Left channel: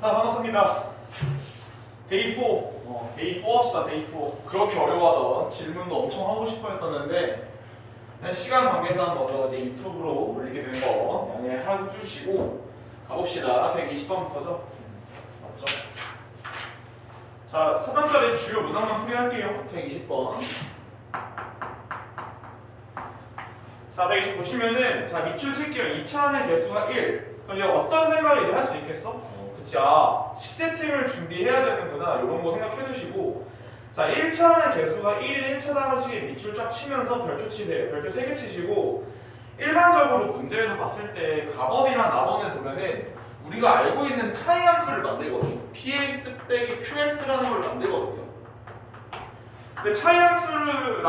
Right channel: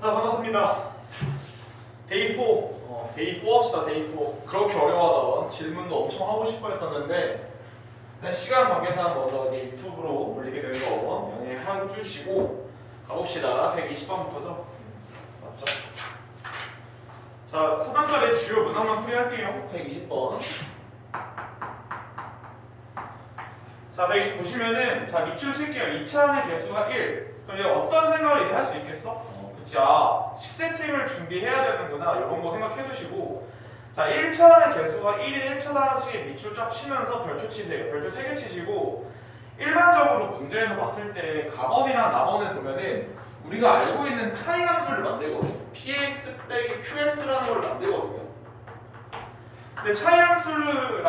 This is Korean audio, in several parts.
반갑습니다. 데이 4. 데이 4 합시다, 데이 4. 그렇게 어려워하던 질문도 엄청 하고 싶어 했었는데, 일단 시간 관계상 먼저 이제 유튜브로 올리게 된 거 양해해 주시고, 가봅시다. 120번부터죠? 맞죠? 자, 4단짜리 주요 문항만 풀이할게요. 120번. 자, 120 보시면은, 자, 밑줄 칠게요. 2차항의 개수가 1. 그럼 어떤 생각을 이제 할 수 있겠어? 그치, 식세팅을 준비해야 되는구나. 이런 거 생각해 두시고, 자, 1차의 개수가 1인 1차 단식에 밑줄 쫙 치면서 별표 치세요. 별표 3개 치시고, 일반적으로 문제에서 봤을 때 가번이랑 나번을 보면은 우리가 알고 있는 차이 함수를 만들거든요. px 빼기 qx라는 걸 만들거든요. 근데 차이 함수를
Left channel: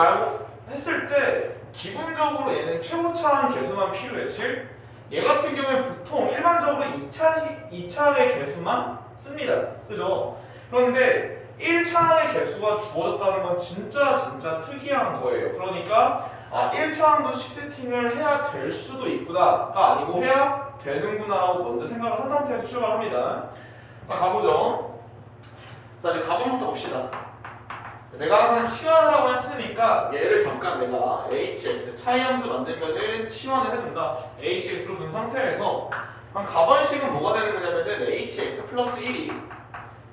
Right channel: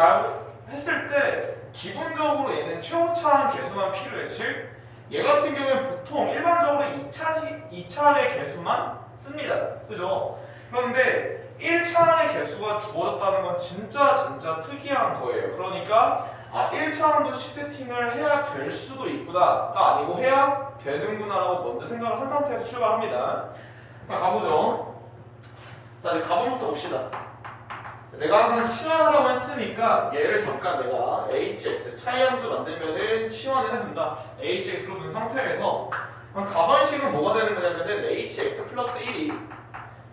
했을 때 기본적으로 얘는 최고차항 개수만 필요해. 즉, 얘 같은 경우에 보통 일반적으로 2차의 개수만 씁니다. 그죠? 그런데 1차의 개수가 주어졌다는 건 진짜 특이한 거예요. 그러니까 1차항도 식세팅을 해야 될 수도 있구나가 아니고 해야 되는구나 라고 먼저 생각을 한 상태에서 출발합니다. 자, 가보죠. 자, 이제 가번부터 봅시다. 내가 항상 치환하라고 했으니까 얘를 잠깐 내가 hx 차이함수 만들면은 치환을 해준다. hx로 둔 상태에서 가번식은 뭐가 되는 거냐면은 hx 플러스 1이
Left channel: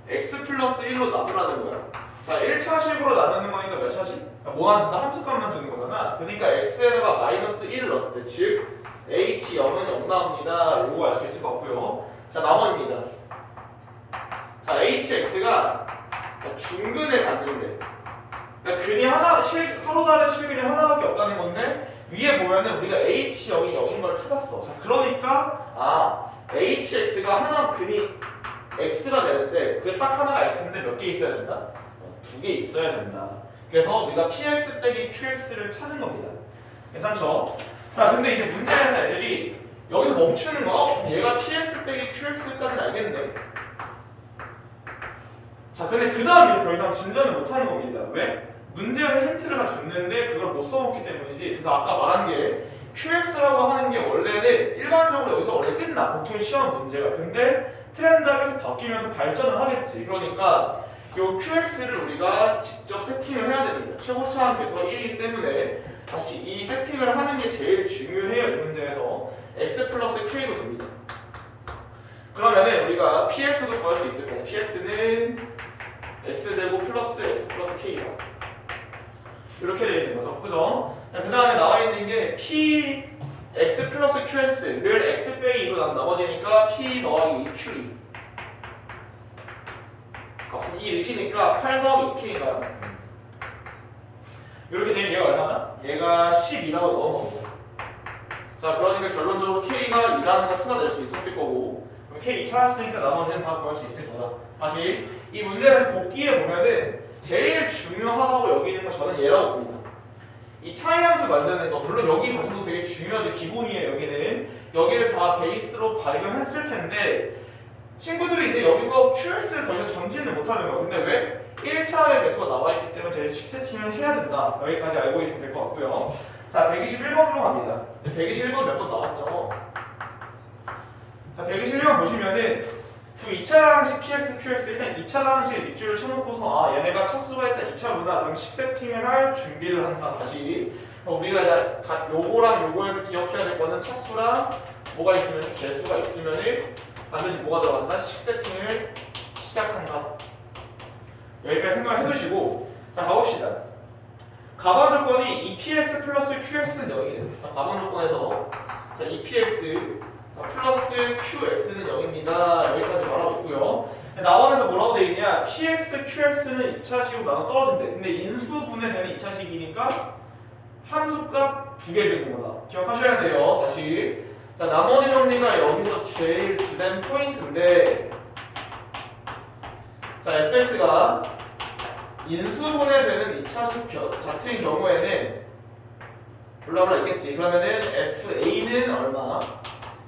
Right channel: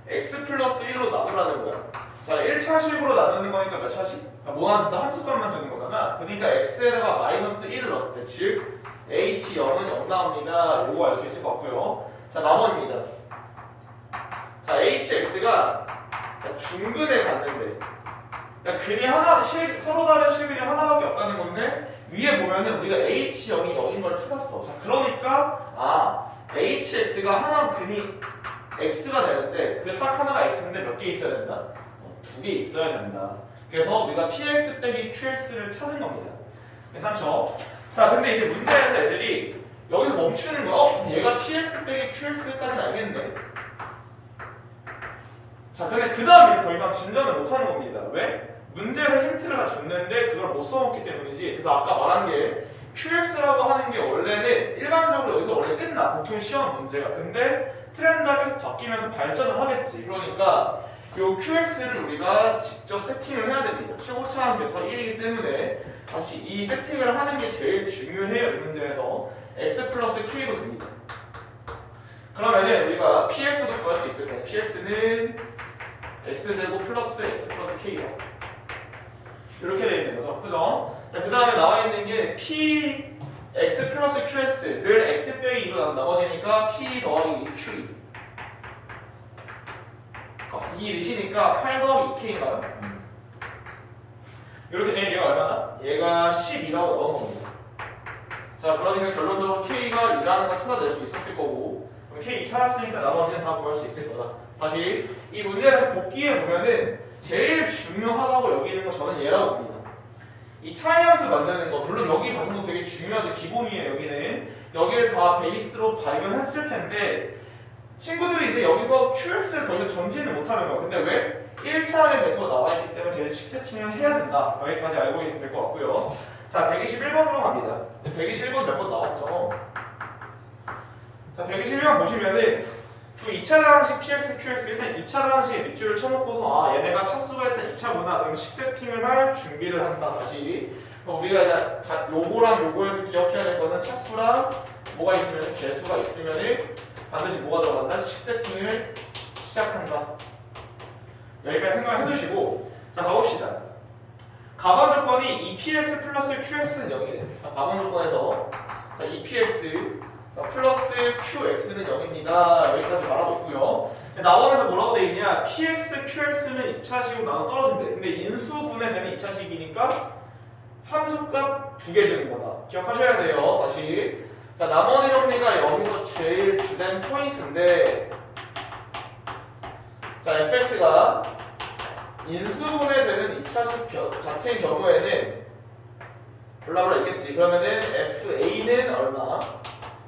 x 플러스 1로 나누라는 거야. 자, 1차식으로 나누는 거니까 몇 차식? 뭐 안 준다? 함수값만 주는 거잖아. 그러니까 x에다가 마이너스 1을 넣었을 때 즉 h0은 0 나옵니다. 이거 알 수 있을 것 같고요. 자, 나머지입니다. 자, hx가 중근을 갖는데, 그러니까 근이 하나, 서로 다른 실근이 하나밖에 없다는 건데, 위에 보면은 우리가 h0이 0인 걸 찾았어. 자, 그러니까 hx가 하나 근이 x가 되는데 그 딱 하나가 x인데 몇 개 있어야 된다? 2개 있어야 된다. 그래서 우리가 px 빼기 qx를 찾은 겁니다. 괜찮죠? 자, 근데 이제 문제에서 애들이 여기서 멈추는 거, 얘가 px 빼기 qx까지는 알겠네. 자, 근데 그 다음에 더 이상 진전을 못하는 겁니다. 왜? 문제에서 힌트를 다 줬는데 그걸 못 써먹기 때문이지. 그래서 아까 말한 게 QX라고 하는 게 원래는 일반적으로 여기서 원래 끝나. 보통 시험 문제가. 근데 트렌드가 계속 바뀌면서 발전을 하겠지. 그러니까 요 QX를 우리가 직접 세팅을 해야 됩니다. 최고차항 개수가 1이기 때문에 다시 이 세팅을 하는 게 제일 중요해요. 이 문제에서 X 플러스 K로 됩니다. 그러면은 우리가 PX도 구할 수 있을 거예요. PX는 X제곱 플러스 X 플러스 K다. 이렇게 되어 있는 거죠. 그죠? 자, 그 다음에 나와 있는 게 P X 플러스 QS를 X 빼기 2로 나머지니까 P 더하기 Q2. 값은 2 넣으시니까 8 더하기 2K인가요? 이렇게 되는 얘가 얼마나? 얘가 12라고 나오는 겁니다. 자, 그러니까 결론적으로 K가 2라는 걸 찾아낼 수 있었을 거고, 그럼 K 2 찾았으니까 나머지는 다 구할 수 있을 거다. 다시 이 문제에서 복기해 보면은 제일 중요하다고 여기는 거 저는 얘라고 봅니다. 이 차이 함수 만드는 거, 물론 여기 과정도 되게 중요하죠. 기본이에요. 여기를 다 베이스로 발견했을 텐데 친구들이 이제 여기서 QS를 더 이상 전진을 못하는 거야. 근데 왜? 1차의 개수가 나와 있기 때문에 제일 식세팅을 해야 된다. 여기까지 알고 있으면 될 것 같고요. 자, 121번으로 갑니다. 121번 몇 번 나왔죠? 자, 121번 보시면은 그 2차 방식 PX, QX 일단 2차 방식에 밑줄을 쳐놓고서 얘네가 차수가 일단 2차구나. 그럼 식세팅을 할 준비를 한다. 다시 우리가 이제 요거랑 요거에서 기억해야 될 거는 차수랑 뭐가 있으면 개수가 있으면은 반드시 뭐가 들어간다? 식세팅을 시작한다. 여기까지 생각을 해두시고, 자, 가봅시다. 가번 조건이 2px 플러스 qx는 0이래. 자, 가번 조건에서 자, 2px 플러스 qx는 0입니다. 여기까지 말하고 있고요. 나원에서 뭐라고 돼 있냐? px, qx는 2차식으로 나눠 떨어진대. 근데 인수분해 되는 2차식이니까 함수값 2개 주는 거다. 기억하셔야 돼요. 다시. 자, 나머지 정리가 여기서 제일 주된 포인트인데, 자, fx가 인수분해 되는 2차식 같은 경우에는 블라블라 있겠지. 그러면은 fa는 얼마,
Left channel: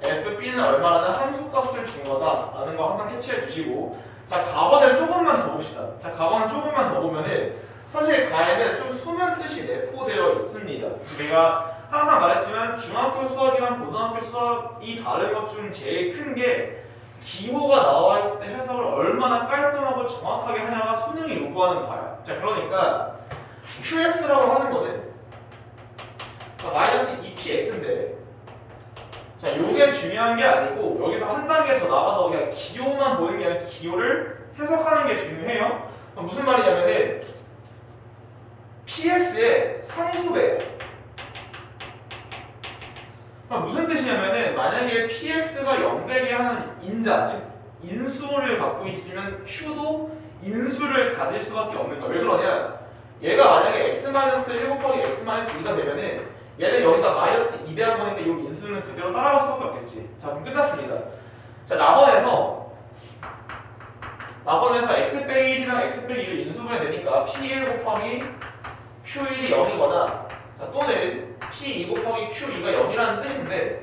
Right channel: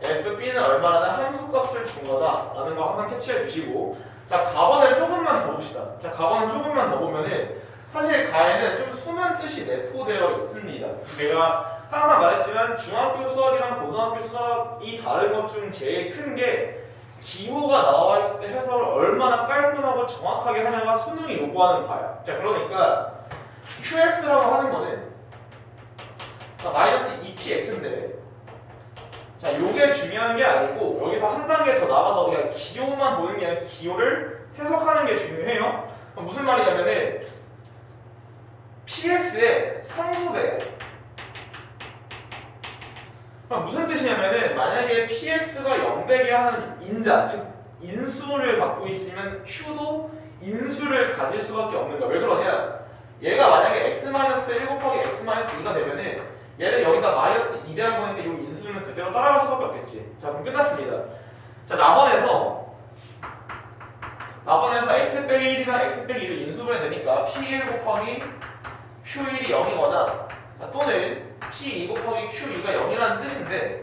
fb는 얼마라는 함수값을 준 거다라는 거 항상 캐치해 주시고, 자, 가번을 조금만 더 봅시다. 자, 가번을 조금만 더 보면은 사실 가에는 좀 수면 뜻이 내포되어 있습니다. 제가 항상 말했지만 중학교 수학이랑 고등학교 수학이 다른 것 중 제일 큰 게 기호가 나와 있을 때 해석을 얼마나 깔끔하고 정확하게 하냐가 수능이 요구하는 바야. 자, 그러니까 QX라고 하는 거는 마이너스 2px인데, 자, 요게 중요한 게 아니고 여기서 한 단계 더 나가서 그냥 기호만 보는 게 아니라 기호를 해석하는 게 중요해요. 그럼 무슨 말이냐면은 px의 상수배야. 그럼 무슨 뜻이냐면은 만약에 px가 0 되게 하는 인자, 즉 인수를 갖고 있으면 q도 인수를 가질 수밖에 없는 거야. 왜 그러냐? 얘가 만약에 x-1 곱하기 x-2가 되면은 얘는 여기다 마이너스 2 배한 거니까 이 인수는 그대로 따라갈 수밖에 없겠지. 자, 그럼 끝났습니다. 자, 나번에서 x 빼기 1이랑 x 빼기 2를 인수분해 되니까 p1 곱하기 q1이 0이거나 또는 p2 곱하기 q2가 0이라는 뜻인데,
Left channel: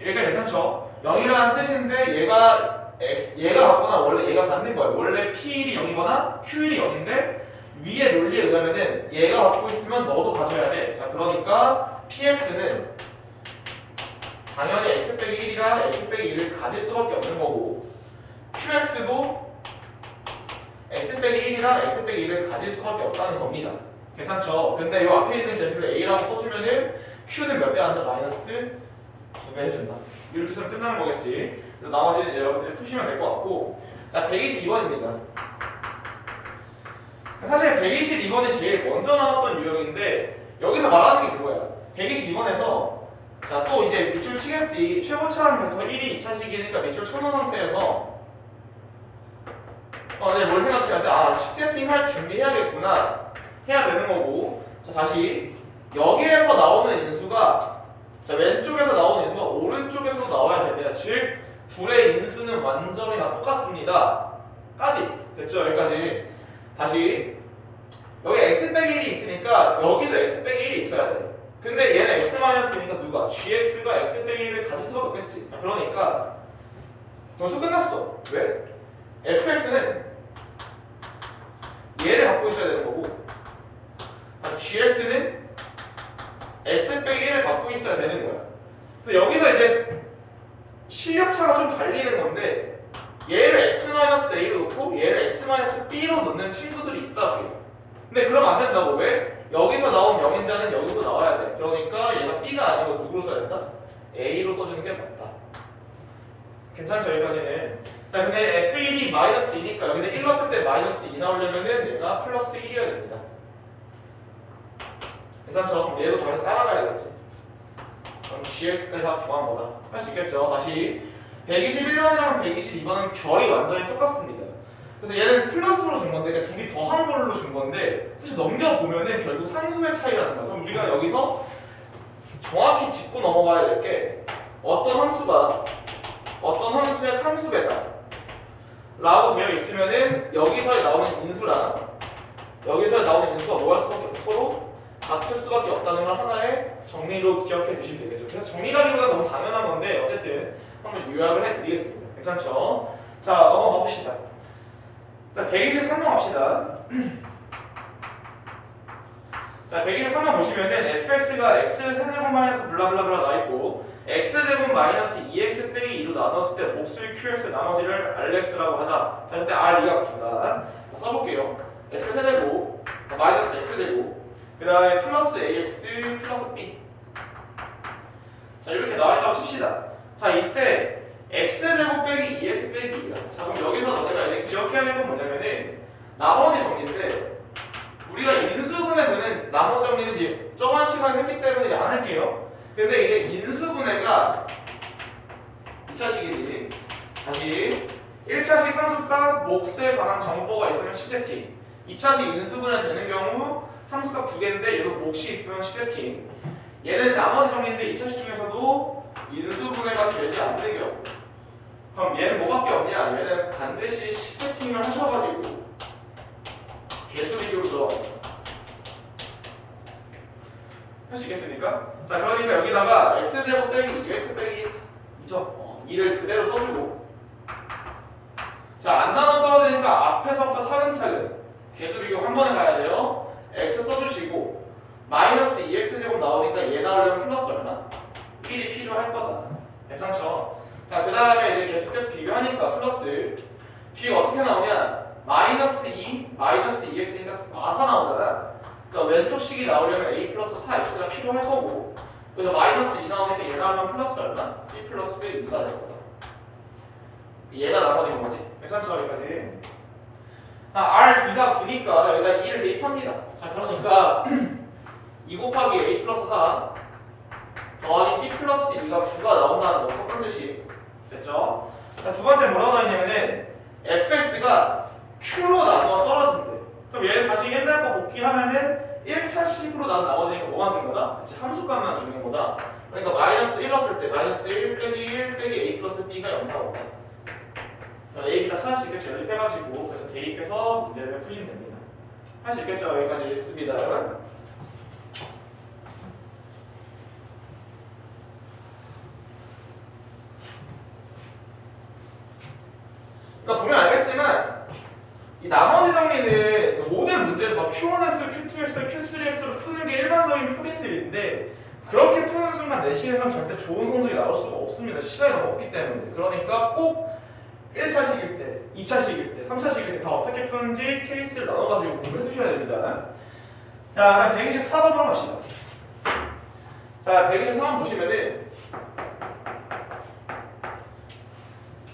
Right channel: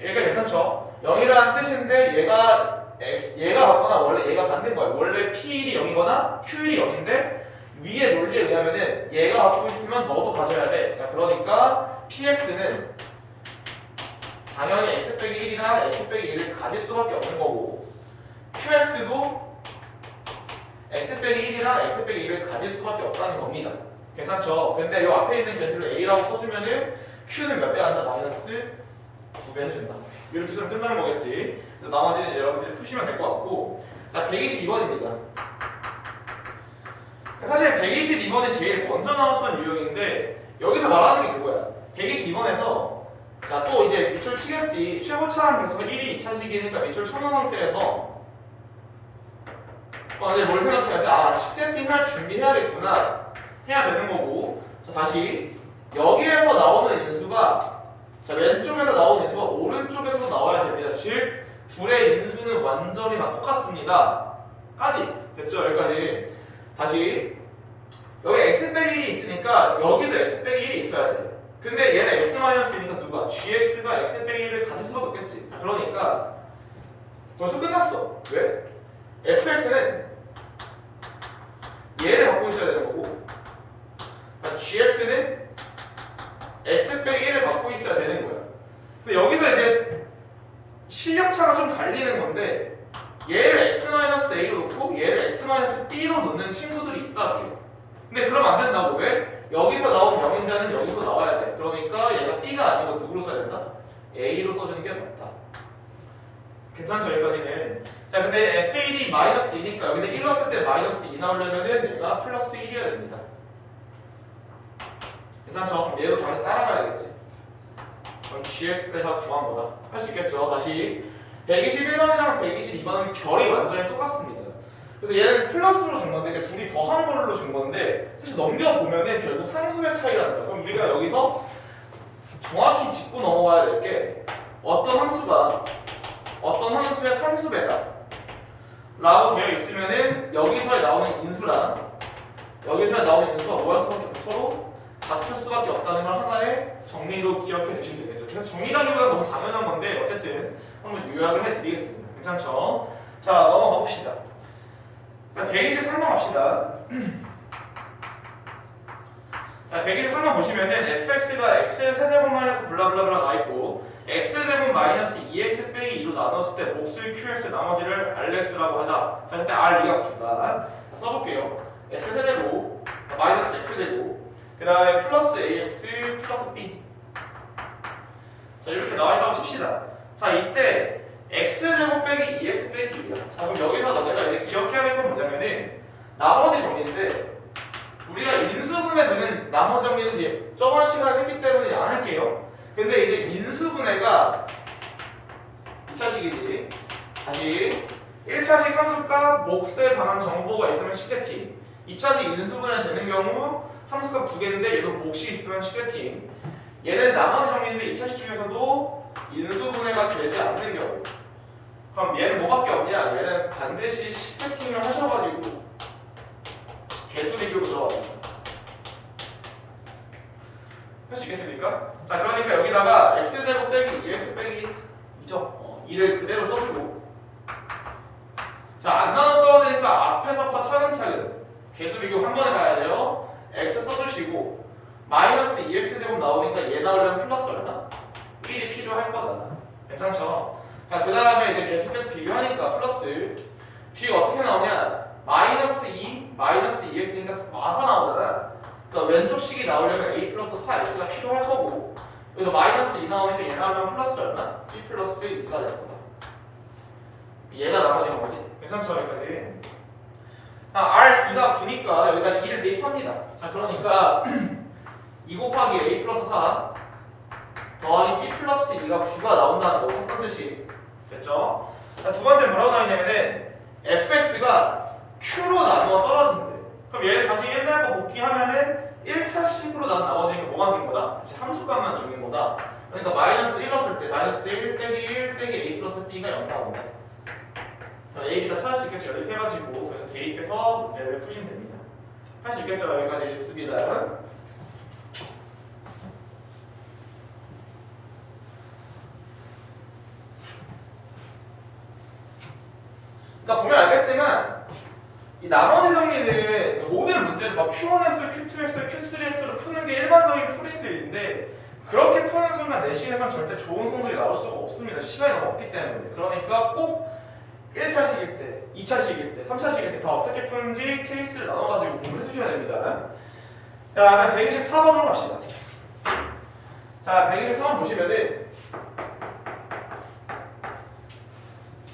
얘가 괜찮죠? 0이라는 뜻인데 얘가 같거나 원래 얘가 갖는 거야. 원래 p1이 0이거나 q1이 0인데 위의 논리에 의하면은 얘가 갖고 있으면 너도 가져야 돼. 자, 그러니까 px는 당연히 x 빼기 1이랑 x 빼기 2를 가질 수밖에 없는 거고, qx도 x 빼기 1이랑 x 빼기 2를 가질 수밖에 없다는 겁니다. 괜찮죠? 근데 이 앞에 있는 개수를 a라고 써주면은 q는 몇 배 한다? 마이너스 2배 해준다. 이렇게 쓰면 끝나는 거겠지. 그래서 나머지는 여러분들이 푸시면 될 것 같고, 자, 122번입니다. 사실 122번이 제일 먼저 나왔던 유형인데 여기서 말하는 게 그거야. 122번에서 자, 또 이제 밑줄 치겠지. 최고차항 개수가 1이 2차식이니까 밑줄 쳐놓은 상태에서 이제 뭘 생각해야 돼? 아, 식 세팅할 준비해야겠구나. 해야 되는 거고. 자, 다시 여기에서 나오는 인수가, 자, 왼쪽에서 나오는 인수가 오른쪽에서도 나와야 됩니다. 즉 둘의 인수는 완전히 다 똑같습니다. 까지 됐죠? 여기까지. 다시 여기 x 빼기 1이 있으니까 여기도 x 빼기 1이 있어야 돼. 근데 얘는 x-이니까 누가? gx가 x 빼기 1을 가질 수밖에 없겠지. 자, 그러니까 벌써 끝났어. 왜? fx는 얘를 갖고 있어야 되는 거고, gx는 x 빼기 1을 갖고 있어야 되는 거야. 근데 여기서 이제 실력차가 좀 갈리는 건데, 얘를 x-a로 놓고 얘를 x-b로 놓는 친구들이 있다고요. 근데 그러면 안 된다고. 왜? 여기서 나온 0인자는 여기서 나와야 돼. 그러니까 얘가 b가 아니고 누구로 써야 된다? a로 써주는 게 맞다. 괜찮죠? 여기까지는. 자, 근데 f1이 마이너스 2니까 여기는 1 넣었을 때 마이너스 2 나오려면은 얘가 플러스 1이어야 됩니다. 괜찮죠? 그럼 얘도 당연히 따라가야겠지. 그럼 gx까지 다 구한 거다. 할 수 있겠죠? 다시 121번이랑 122번은 결이 완전히 똑같습니다. 그래서 얘는 플러스로 준 건데 둘이 더한 걸로 준 건데, 사실 넘겨보면은 결국 상수의 차이라는 거예요. 그럼 우리가 여기서 정확히 짚고 넘어가야 될 게, 어떤 함수가 어떤 함수의 상수배다 라고 되어 있으면은 여기서 나오는 인수랑 여기서 나오는 인수가 뭐 할 수밖에 없고 서로 같을 수밖에 없다는 걸 하나의 정리로 기억해 두시면 되겠죠. 그래서 정리라기보다 너무 당연한 건데 어쨌든 한번 요약을 해드리겠습니다. 괜찮죠? 자, 넘어가 봅시다. 자, 123번 갑시다. 자, 123번 보시면은 fx가 x세제곱 마이너스 블라블라블라 나와있고 x제곱 마이너스 2x 빼기 2로 나눴을 때 몫을 qx 나머지를 rx라고 하자. 자, 그때 r2가 9다. 써볼게요. x세제곱 마이너스 x제곱 그 다음에 플러스 ax 플러스 b. 자, 이렇게 나와있다고 칩시다. 자, 이때 x제곱 빼기 2x 빼기 2야. 자, 그럼 여기서 너네가 이제 기억해야 될 건 뭐냐면은 나머지 정리인데, 우리가 인수분해 되는 나머지 정리는 이제 저번 시간에 했기 때문에 안 할게요. 근데 이제 인수분해가 2차식이지. 다시 1차식 함수값 몫에 관한 정보가 있으면 10세팅, 2차식 인수분해 되는 경우 함수값 2개인데 얘도 몫이 있으면 10세팅. 얘는 나머지 정리인데 2차식 중에서도 인수분해가 되지 않는 경우, 그럼 얘는 뭐밖에 없냐? 얘는 반드시 10세팅을 하셔가지고 개수 비교로 들어갑니다. 할 수 있겠습니까? 자, 그러니까 여기다가 x제곱 빼기 2x 빼기 2죠. 2를 그대로 써주고, 자, 안 나눠 떨어지니까 앞에서부터 차근차근 개수 비교 한 번에 가야 돼요. x 써주시고 마이너스 2x제곱 나오니까 얘 나오려면 플러스 얼마? 1이 필요할 거다. 괜찮죠? 자, 그 다음에 이제 계속해서 비교하니까 플러스 뒤가 어떻게 나오냐? 마이너스 2, 마이너스 2x니까 마사 나오잖아. 그러니까 왼쪽 식이 나오려면 a 플러스 4x가 필요할 거고, 그래서 마이너스 2 나오니까 얘 나오면 플러스 얼마? b 플러스 2가 될 거다. 얘가 나머진 거지. 괜찮죠? 여기까지. 자, R2가 9니까 여기다 2를 대입합니다. 자, 그러니까 2 곱하기 a 플러스 4 더하기 b 플러스 2가 9가 나온다는 거 첫 번째 식. 됐죠? 자, 두 번째 뭐라고 나오냐면은 fx가 q로 나누어 떨어진대. 그럼 얘를 다시 옛날 거 복귀하면은 1차 식으로 난 나머지는 게 뭐만 주는 거다? 그치, 함수값만 주는 거다. 그러니까 마이너스 1 넣었을 때 마이너스 1 빼기 1 빼기 a 플러스 b가 0 나온다. a, b 다 찾을 수 있겠죠. 이렇게 해가지고 그래서 대입해서 문제를 푸시면 됩니다. 할 수 있겠죠. 여기까지 좋습니다. 그러니까 보면 알겠지만 이 나머지 정리는 모든 문제를 막 Q1S, Q2S, Q3S로 푸는 게 일반적인 풀이들인데 그렇게 푸는 순간 내신에선 절대 좋은 성적이 나올 수가 없습니다. 시간이 너무 없기 때문에. 그러니까 꼭 1차식일 때, 2차식일 때, 3차식일 때 다 어떻게 푸는지 케이스를 나눠가지고 공부를 해주셔야 됩니다. 자, 일단 124번으로 갑시다. 자, 124번 보시면은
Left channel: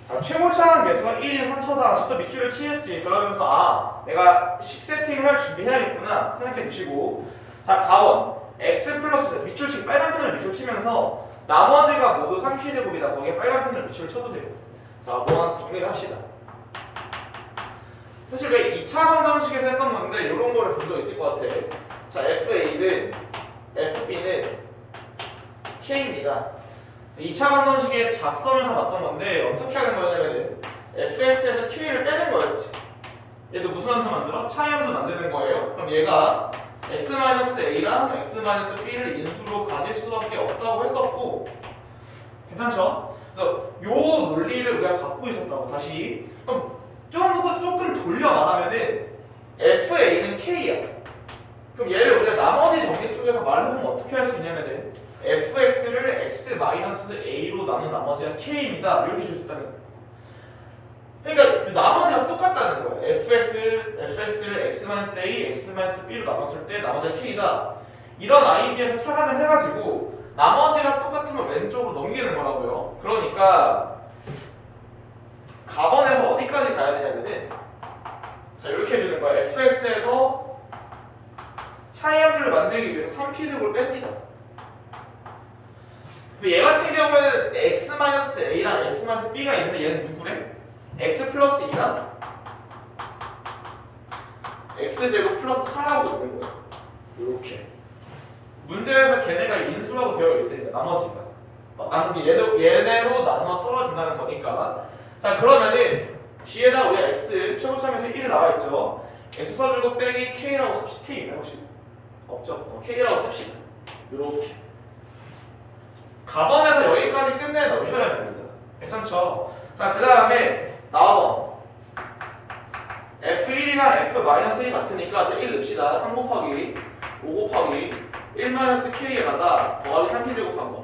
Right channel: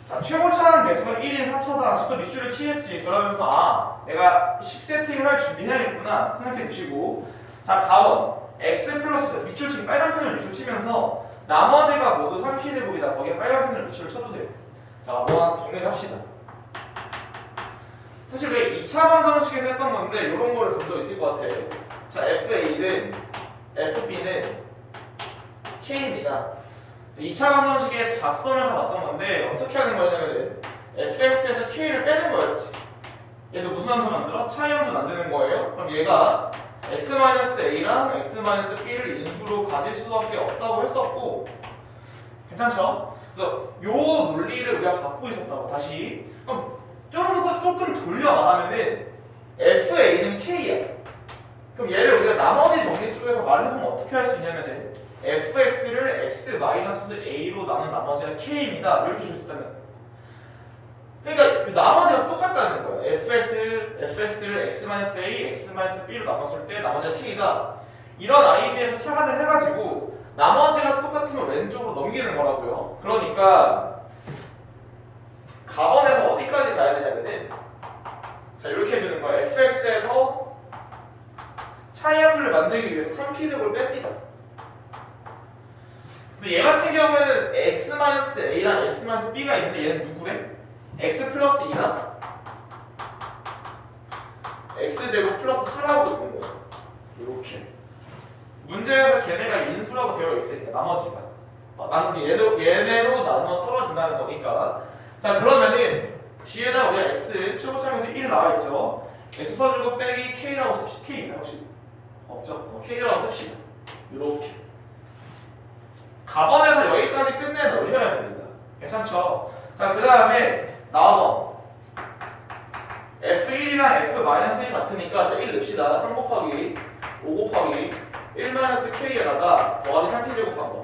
자, 최고차는 개수가 1인 3차다. 아직도 밑줄을 치겠지. 그러면서 내가 식 세팅을 할 준비해야겠구나 생각해 주시고, 자, 가원 x 플러스 밑줄 치고 빨간 펜을 밑줄 치면서 나머지가 모두 3p제곱이다. 거기에 빨간 펜을 밑줄을 쳐주세요. 자, 한번 정리를 합시다. 사실 왜 2차 방정식에서 했던 건데 이런 거를 본 적 있을 것 같아. 자, FA는 FB는 K입니다. 2차 방정식의 작성에서 봤던 건데 어떻게 하는 거냐면 FX에서 K를 빼는 거였지. 얘도 무슨 함수 만들어? 차이 함수 만드는 거예요. 그럼 얘가 X-A랑 X-B를 인수로 가질 수밖에 없다고 했었고, 괜찮죠? 그래서 요 논리를 우리가 갖고 있었다고. 다시 그럼 조금 돌려 말하면은 FA는 K야. 그럼 얘를 우리가 나머지 정리 쪽에서 말을 해보면 어떻게 할 수 있냐면은 fx를 x-a로 나눈 나머지가 k입니다. 이렇게 줄 수 있다는 거야. 그러니까 나머지가 똑같다는 거야. fx를 x-a, x-b로 나눴을 때 나머지가 k다. 이런 IB에서 차관을 해가지고 나머지가 똑같으면 왼쪽으로 넘기는 거라고요. 그러니까 가번에서 어디까지 가야 되냐면은 자, 이렇게 해주는 거야. fx에서 차이함수를 만들기 위해서 3p제곱을 뺍니다. 근데 얘 같은 경우에는 x-a랑 x-b가 있는데 얘는 누구래? x 플러스 2랑 x제곱 플러스 4라고 있는 거야. 이렇게 문제에서 걔네가 인수라고 되어 있으니까 나머지가 얘네로 나누어 떨어진다는 거니까. 자, 그러면은 뒤에다 우리가 x 최고차함에서 1이 나와 있죠. x 써주고 빼기 k라고 씁시다. k 있나 혹시? 없죠. k라고 씁시다. 이렇게 가번에서 여기까지 끝내 넣으셔야 됩니다. 괜찮죠? 자, 그 다음에 나와봐. F1이랑 F-1 같으니까 저 1 넣읍시다. 3 곱하기 5 곱하기 1-K에다가 더하기 3p제곱한 거.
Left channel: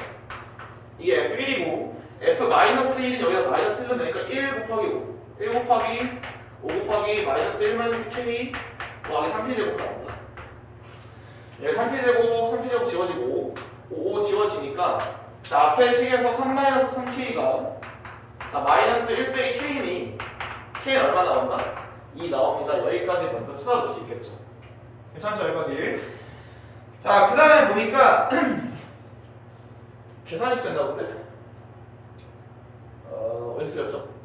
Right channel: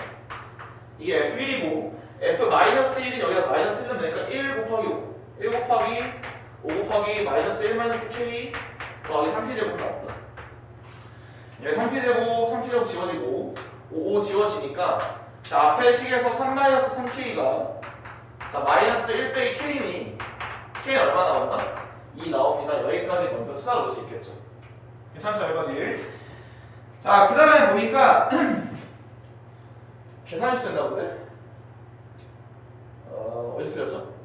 이게 F1이고 F-1은 여기다 마이너스 1을 넣으니까 1 곱하기 5 1 곱하기 5 곱하기 마이너스 1-K 더하기 3p제곱 나온다. 얘 3p제곱 지워지고 5 지워지니까 자, 앞에 식에서 3-3K가 자, 마이너스 1 빼기 K니 K는 얼마 나온다? 2 나옵니다. 여기까지 먼저 찾아볼 수 있겠죠. 괜찮죠? 여기까지. 자, 그 다음에 보니까 계산식 된다 본데? 어디서 틀렸죠?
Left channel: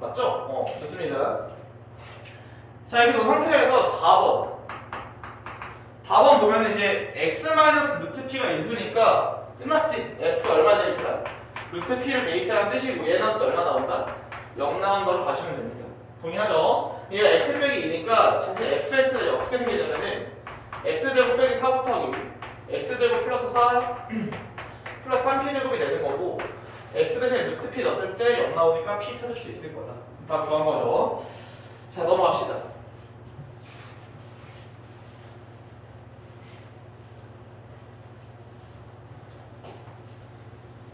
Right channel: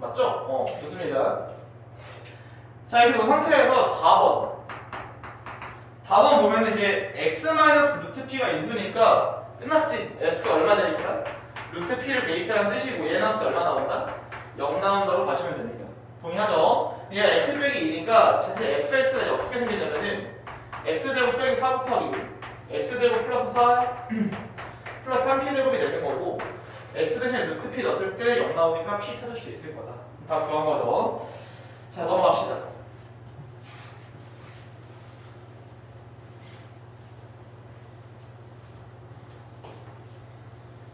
맞죠? 좋습니다. 자, 이렇게 놓은 상태에서 답은 보면 이제 x-루트-p가 인수니까 끝났지? f 얼마 대입이라? 루트 p를 대입이라는 뜻이고 얘 나왔을 때 얼마 나온다? 0 나온 거로 가시면 됩니다. 동의하죠? 얘가 x 빼기 2니까 사실 fx가 어떻게 생기냐면은 x제곱 빼기 4 곱하기 x제곱 플러스 4 플러스 3p제곱이 되는 거고 x 대신에 루트 p 넣었을 때 0 나오니까 p 찾을 수 있을 거다. 다 구한 거죠. 자, 넘어갑시다.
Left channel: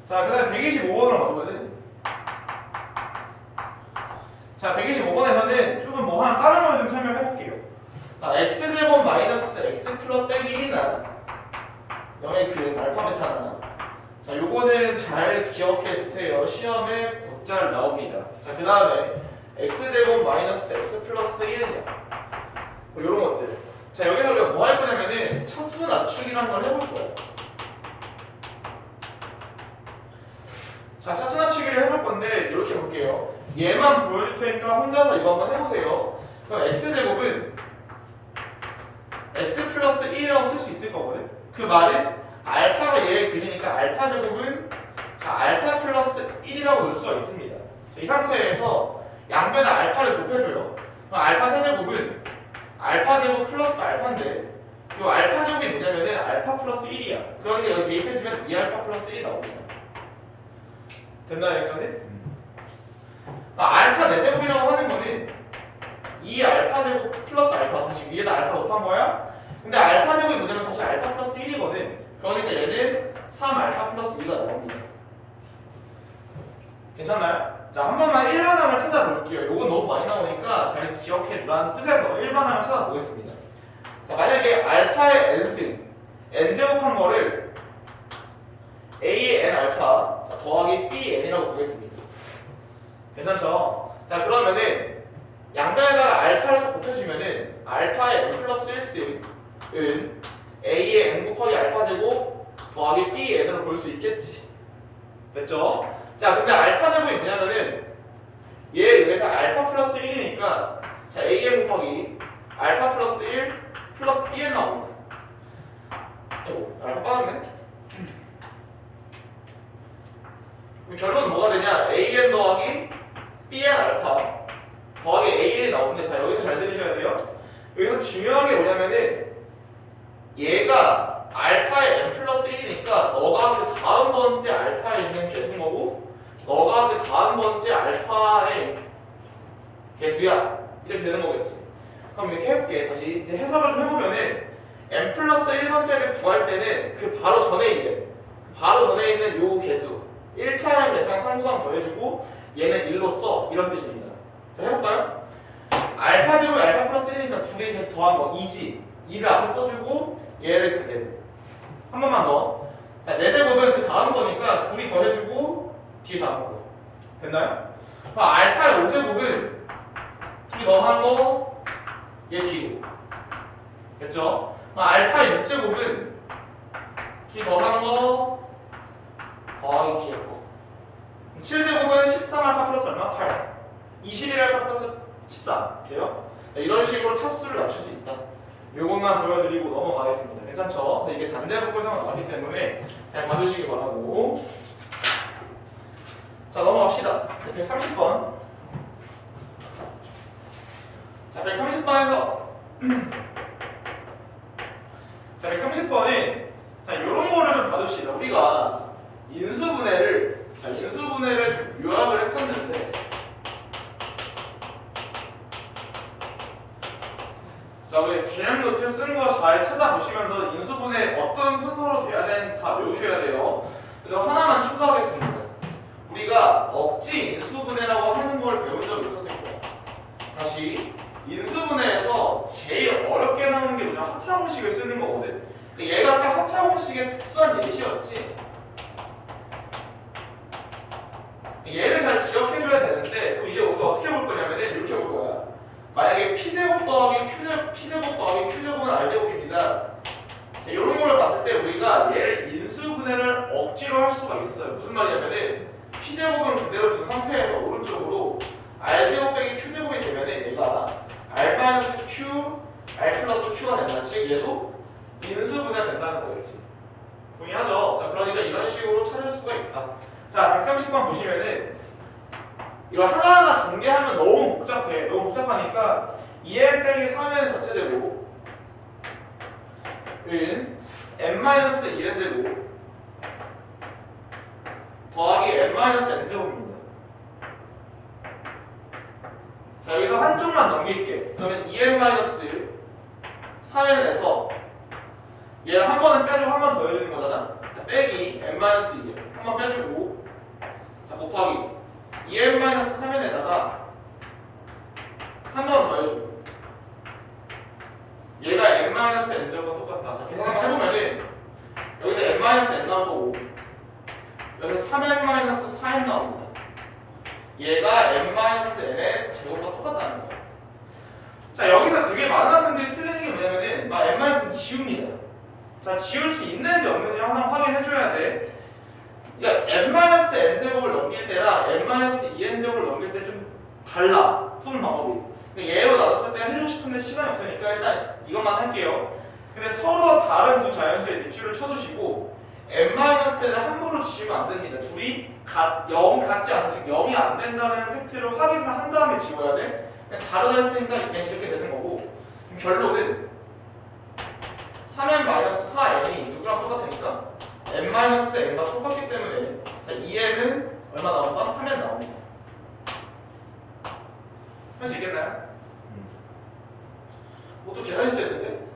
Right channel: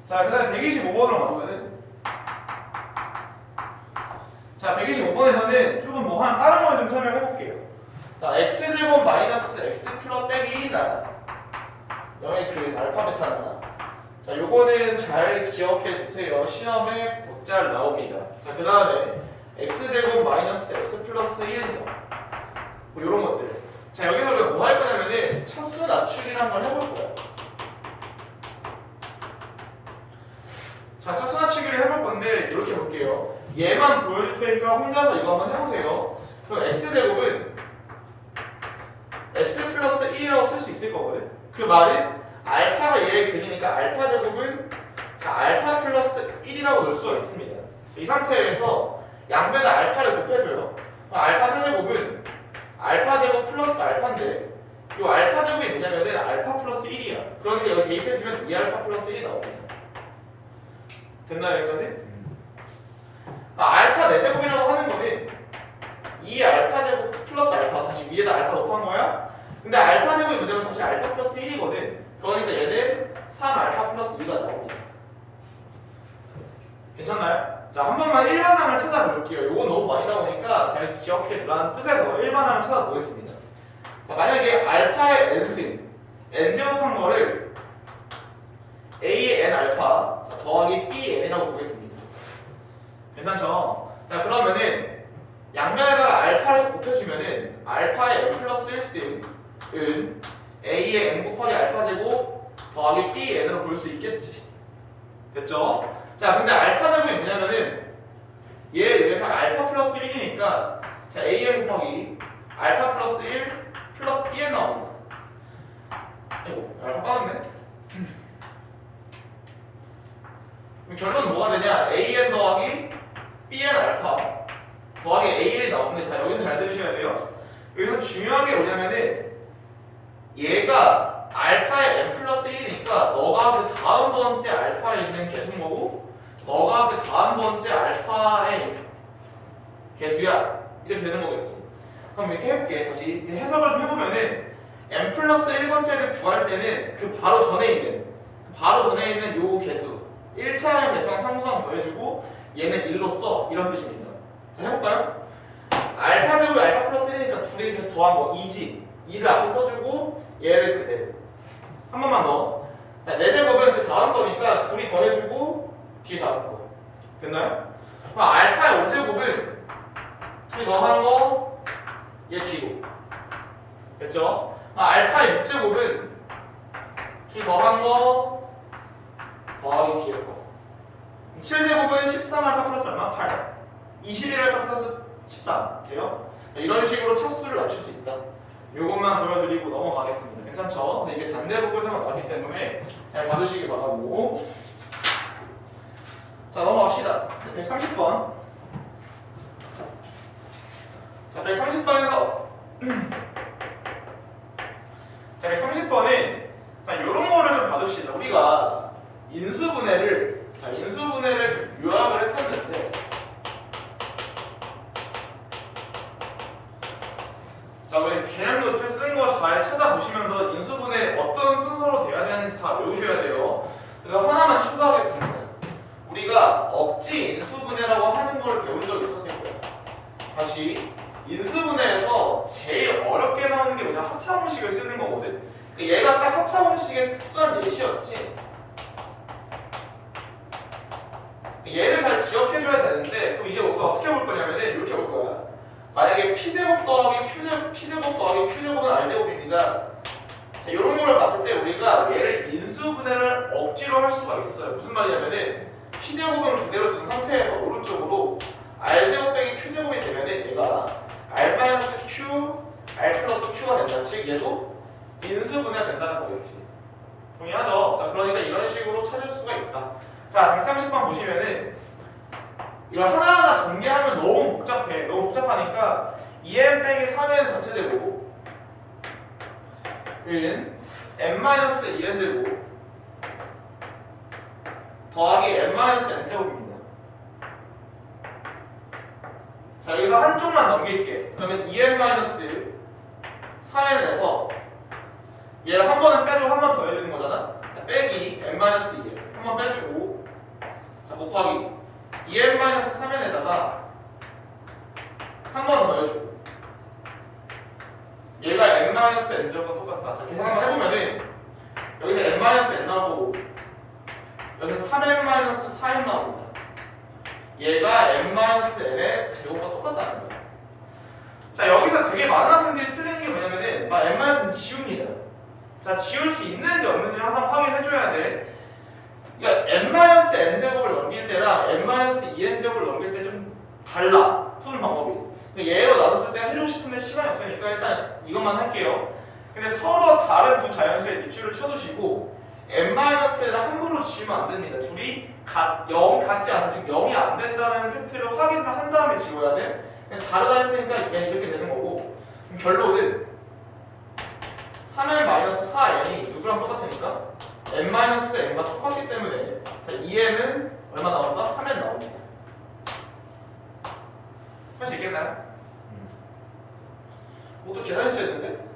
자, 그 다음에 125번으로 가보면은 자, 125번에서는 조금 뭐 하나 다른 걸 좀 설명해 볼게요. 자, x제곱 마이너스 x 플러스 빼기 1이나 0의 그 알파 베타나 자, 요거는 잘 기억해 두세요. 시험에 곧잘 나옵니다. 자, 그 다음에 x제곱 마이너스 x 플러스 1이냐 뭐 요런 것들. 자, 여기서 우리가 뭐 할 거냐면은 차수 낮추기를 한번 해볼 거예요. 자, 차수 낮추기를 해볼 건데 이렇게 볼게요. 얘만 보여줄 테니까 혼자서 이거 한번 해보세요. 그럼 x제곱은 x 플러스 1이라고 쓸 수 있을 거거든. 그 말은 알파가 얘의 근이니까 알파 제곱은 자, 알파 플러스 1이라고 넣을 수가 있습니다. 이 상태에서 양변에 알파를 곱해줘요. 그럼 알파 세제곱은 알파 제곱 플러스 알파인데 이 알파 제곱이 뭐냐면은 알파 플러스 1이야. 그러니까 여기 대입해주면 2알파 플러스 1이 나옵니다. 됐나요 여기까지? 알파 4제곱이라고 하는 거는 2알파 제곱 플러스 알파 다시 위에다 알파 곱한 거야. 근데 알파 제곱이 뭐냐면 다시 알파 플러스 1이거든. 그러니까 얘는 3알파 플러스 2가 나옵니다. 괜찮나요? 자, 한 번만 일반항을 찾아볼게요. 요건 너무 많이 나오니까 잘 기억해 두라는 뜻에서 일반항을 찾아보겠습니다. 자, 만약에 알파의 n승 n제곱한 거를 a의 n 알파 자, 더하기 b n이라고 보겠습니다. 괜찮죠? 자, 그러면은 양변에다가 알파를 곱해주면은 알파의 n 플러스 1승은 a의 n 곱하기 알파 제곱 더하기 b n으로 볼 수 있겠지. 됐죠? 자, 근데 알파 제곱이 뭐냐면은 얘에 의해서 알파 플러스 1이니까 자, an 곱하기 알파 플러스 1 플러스 bn 나옵니다. 아이고, 알파 빠졌네? 결론은 뭐가 되냐? an 더하기 bn 알파 더하기 an이 나오는데 자, 여기서 잘 들으셔야 돼요. 여기서 중요한 게 뭐냐면은 얘가 알파의 n 플러스 1이니까 너가 그 다음 번째 알파에 있는 개수모고 너가 그 다음 번째 알파의 개수야. 이렇게 되는 거겠지. 그럼 이렇게 해볼게. 다시 이제 해석을 좀 해보면은 n 플러스 1번째를 구할 때는 그 바로 전에 있는 요 개수 1차의 개수랑 상수항 더해주고 얘는 1로 써. 이런 뜻입니다. 자, 해볼까요? 알파 제곱이 알파 플러스 1이니까 두 개의 개수 더한 거 2지. 2를 앞에 써주고 얘를 그대로 한 번만 더. 4제곱은 그 다음 거니까 둘이 더해주고 뒤에 다음 거. 됐나요? 그럼 알파의 5제곱은 둘이 더한 거 얘 뒤로. 됐죠? 그럼 알파의 6제곱은 둘이 더한 거 더하기 뒤에 거. 7제곱은 13알파 플러스 얼마? 8. 21알파 플러스 13. 돼요? 이런 식으로 차수를 낮출 수 있다. 요것만 보여드리고 넘어가겠습니다. 괜찮죠? 이게 단대복에서만 나왔기 때문에 잘 봐주시기 바라고. 자, 넘어갑시다. 130번. 자, 130번에서 자, 130번에 자, 요런 거를 좀 봐둡시다. 우리가 인수분해를 좀 요약을 했었는데 자, 우리 개념 노트 쓴 거 잘 찾아보시면서 인수분해 어떤 순서로 돼야 되는지 다 외우셔야 돼요. 그래서 하나만 추가하겠습니다. 우리가 억지 인수분해라고 하는 걸 배운 적 있었을 거예요. 다시 인수분해에서 제일 어렵게 나오는 게 뭐냐? 합차공식을 쓰는 거거든. 근데 얘가 딱 합차공식의 특수한 예시였지. 얘를 잘 기억해줘야 되는데 그럼 이제 우리가 어떻게 볼 거냐면 이렇게 볼 거야. 만약에 p제곱 더하기 q제곱은 r제곱입니다. 자, 이런 거를 봤을 때 우리가 얘를 인수분해를 억지로 할 수가 있어요. 무슨 말이냐면은 p제곱은 그대로 둔 상태에서 오른쪽으로 r제곱 빼기 q제곱이 되면은 얘가 r-q, r 플러스 q가 된다. 즉 얘도 인수분해가 된다는 거겠지. 동의하죠? 자, 그러니까 이런 식으로 찾을 수가 있다. 자, 130번 보시면은 이걸 하나하나 전개하면 너무 복잡해. 너무 복잡하니까 2n 빼기 3n 전체 제곱 은 n-2n 제곱 더하기 n-n제곱입니다. 자, 여기서 한쪽만 넘길게. 그러면 2n-4n에서 얘를 한 번은 빼주고 한 번 더 해주는 거잖아. 빼기 n-2 한 번 빼주고, 자, 곱하기 2n-3n에다가 한 번 더 해주고, 얘가 n-n제곱과 똑같다. 자, 계산 한번 해보면은 여기서 n-n 나오고 여기서 3n-4n 나옵니다. 얘가 n-n의 제곱과 똑같다는 거야. 자, 여기서 되게 많은 학생들이 틀리는 게 뭐냐면은 막 n-는 지웁니다. 자, 지울 수 있는지 없는지 항상 확인해줘야 돼. 그러니까 n-n제곱을 넘길 때랑 n-2n제곱을 넘길 때 좀 달라, 푸는 방법이. 그러니까 예로 나눴을 때 해주고 싶은데 시간이 없으니까 일단 이것만 할게요. 근데 서로 다른 두 자연수의 밑줄을 쳐두시고 n-를 함부로 지우면 안 됩니다. 둘이 0 같지 않은, 즉 0이 안 된다는 팩트를 확인만 한 다음에 지워야 돼. 그냥 다르다 했으니까 이렇게 되는 거고, 그럼 결론은 3n-4n이 누구랑 똑같으니까 n-n과 똑같기 때문에, 자, 2n은 얼마 나온다? 3n 나옵니다. 할 수 있겠나요? 뭐 또 계산할 수 있는데?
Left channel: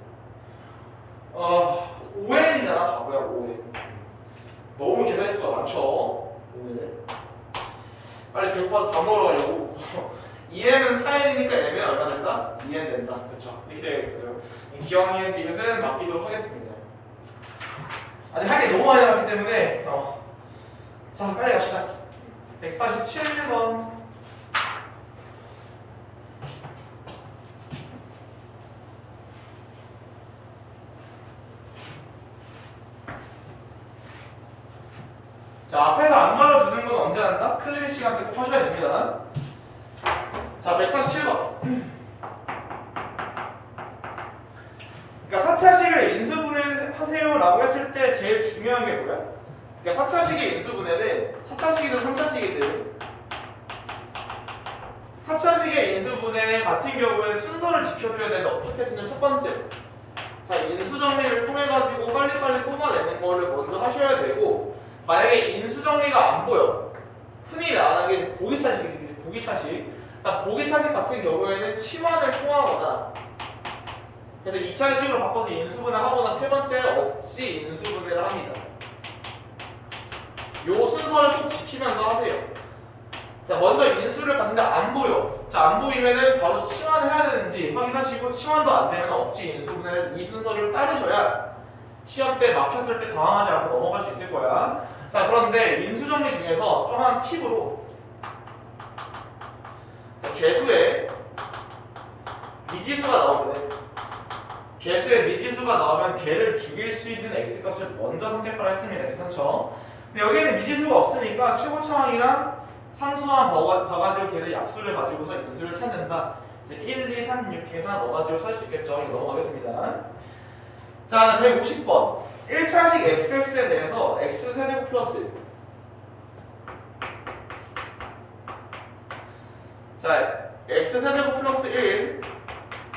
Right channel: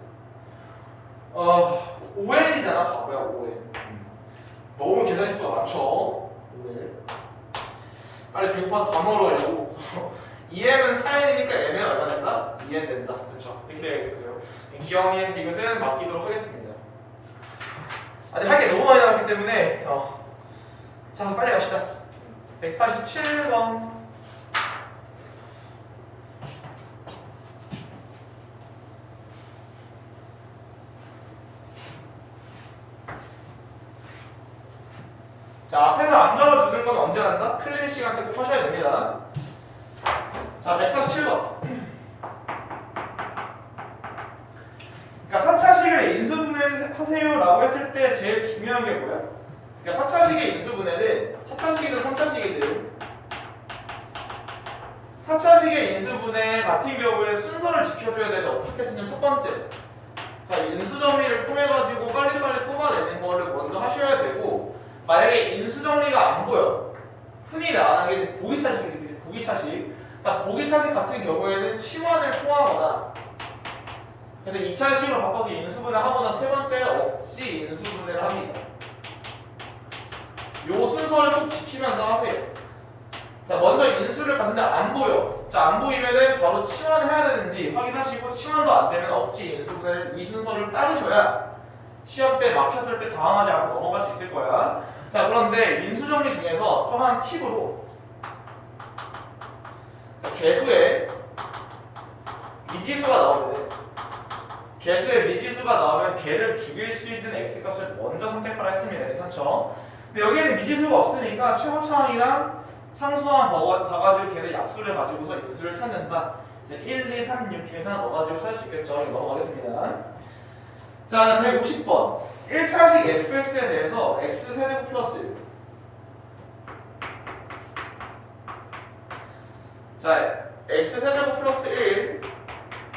5n이잖아, 바보야. 5n. 너무 계산할 수가 많죠, 오늘. 빨리 배고파서 밥 먹으러 가려고. 2n은 4n이니까 m은 얼마 된다? 2n 된다. 그렇죠. 이렇게 되겠어요. 기억니한테 이것은 맡기도록 하겠습니다. 아직 할 게 너무 많이 남았기 때문에 자, 빨리 갑시다. 147번. 자, 앞에서 안 적어주는 건 언제 한다? 클리닉 시간 때 꼭 하셔야 됩니다. 자, 147번. 그러니까 4차식을 인수분해하세요 라고 했을 때 제일 중요한 게 뭐야? 그러니까 4차식의 인수분해는 4차식이든 3차식이든 4차식의 인수분해 같은 경우에 순서를 지켜줘야 되는데 어떻게 쓰냐면 첫 번째, 자, 인수정리를 통해 가지고 빨리빨리 뽑아내는 거를 먼저 하셔야 되고, 만약에 인수정리가 안 보여, 흔히 말하는 게 보기차식이지, 보기차식. 자, 보기차식 같은 경우에는 치환을 통하거나, 그래서 2차식으로 바꿔서 인수분해 하거나, 세 번째 억지 인수분해를 합니다. 요 순서를 꼭 지키면서 하세요. 자, 먼저 인수를 봤는데 안 보여. 자, 안 보이면은 바로 치환해야 되는지 확인하시고, 치환도 안 되면 억지 인수분해를 이 순서를 따르셔야 시험 때 막혔을 때 당황하지 않고 넘어갈 수 있을 거야. 자, 그런데 인수정리 중에서 좀 한 팁으로, 개수에 미지수가 나오거든. 개수에 미지수가 나오면 개를 죽일 수 있는 x값을 먼저 선택하라 했습니다. 괜찮죠? 근데 여기에는 미지수가 없으니까 최고차항이랑 상수항 봐가지고 걔를 약수를 가지고서 인수를 찾는다. 이제 1, 2, 3, 6 중에서 넣어가지고 찾을 수 있겠죠. 이거 넘어가겠습니다. 자, 150번. 1차식 fx에 대해서 x세제곱 플러스 1. 자, x세제곱 플러스 1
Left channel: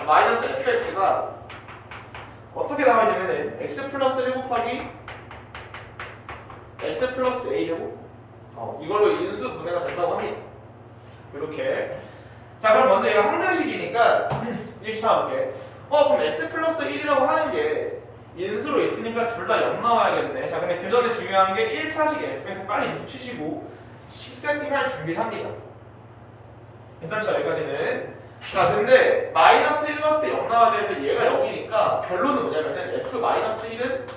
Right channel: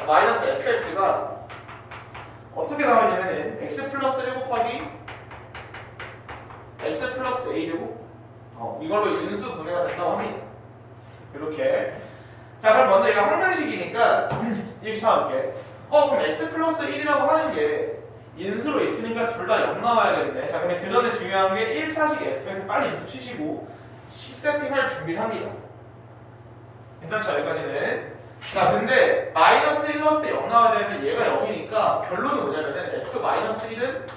마이너스 fx가 어떻게 나가냐면은 x 플러스 1 곱하기 x 플러스 a제곱, 이걸로 인수 분해가 된다고 합니다. 이렇게. 자, 그럼 먼저 이거 항등식이니까 이렇게 찾아볼게. 그럼 x 플러스 1이라고 하는 게 인수로 있으니까 둘 다 0 나와야겠네. 자, 근데 그 전에 중요한 게 1차식 f에서 빨리 인수 치시고 식세팅할 준비를 합니다. 괜찮죠? 여기까지는. 자, 근데 마이너스 1 넣었을 때 0 나와야 되는데 얘가 0이니까 결론은 뭐냐면은 f 마이너스 1은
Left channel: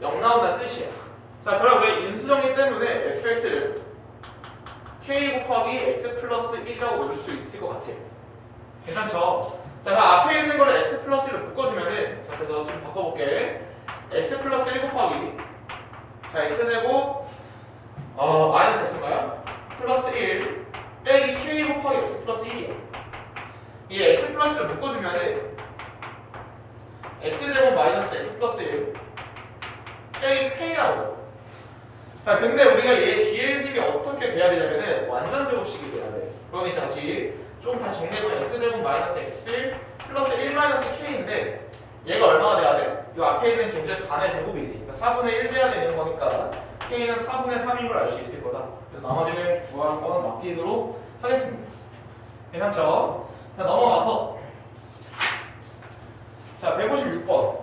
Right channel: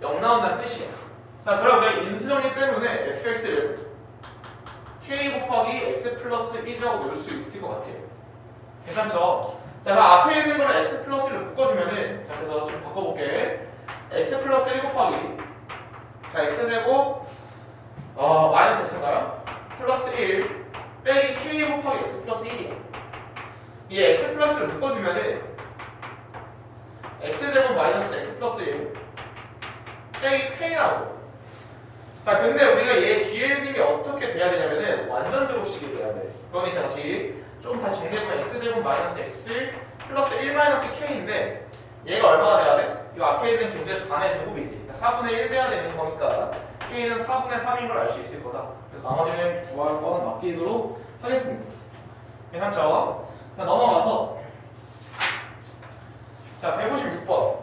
0 나온다는 뜻이야. 자, 그럼 우리가 인수정리 때문에 fx를 k 곱하기 x 플러스 1이라고 넣을 수 있을 것 같아요. 괜찮죠? 자, 그럼 앞에 있는 거를 x 플러스 1로 묶어주면은, 자, 그래서 좀 바꿔볼게. x 플러스 1 곱하기, 자, x제곱 마이너스 x인가요? 플러스 1 빼기 k 곱하기 x 플러스 1이야. 이 x 플러스를 묶어주면은 x제곱 마이너스 x 플러스 1 빼기 k 나오죠. 자, 근데 우리가 얘 뒤에 있는 게 어떻게 돼야 되냐면은 완전 제곱식이 돼야 돼. 그러니까 좀 다시 정리해보면 x제곱 마이너스 x 플러스 1 마이너스 k인데 얘가 얼마가 돼야 돼? 이 앞에 있는 개수의 반의 제곱이지. 그러니까 4분의 1 돼야 되는 거니까 K는 4분의 3인 걸 알 수 있을 거다. 그래서 나머지는 구할 거는 맡기도록 하겠습니다. 괜찮죠? 자, 넘어가서 자 156번.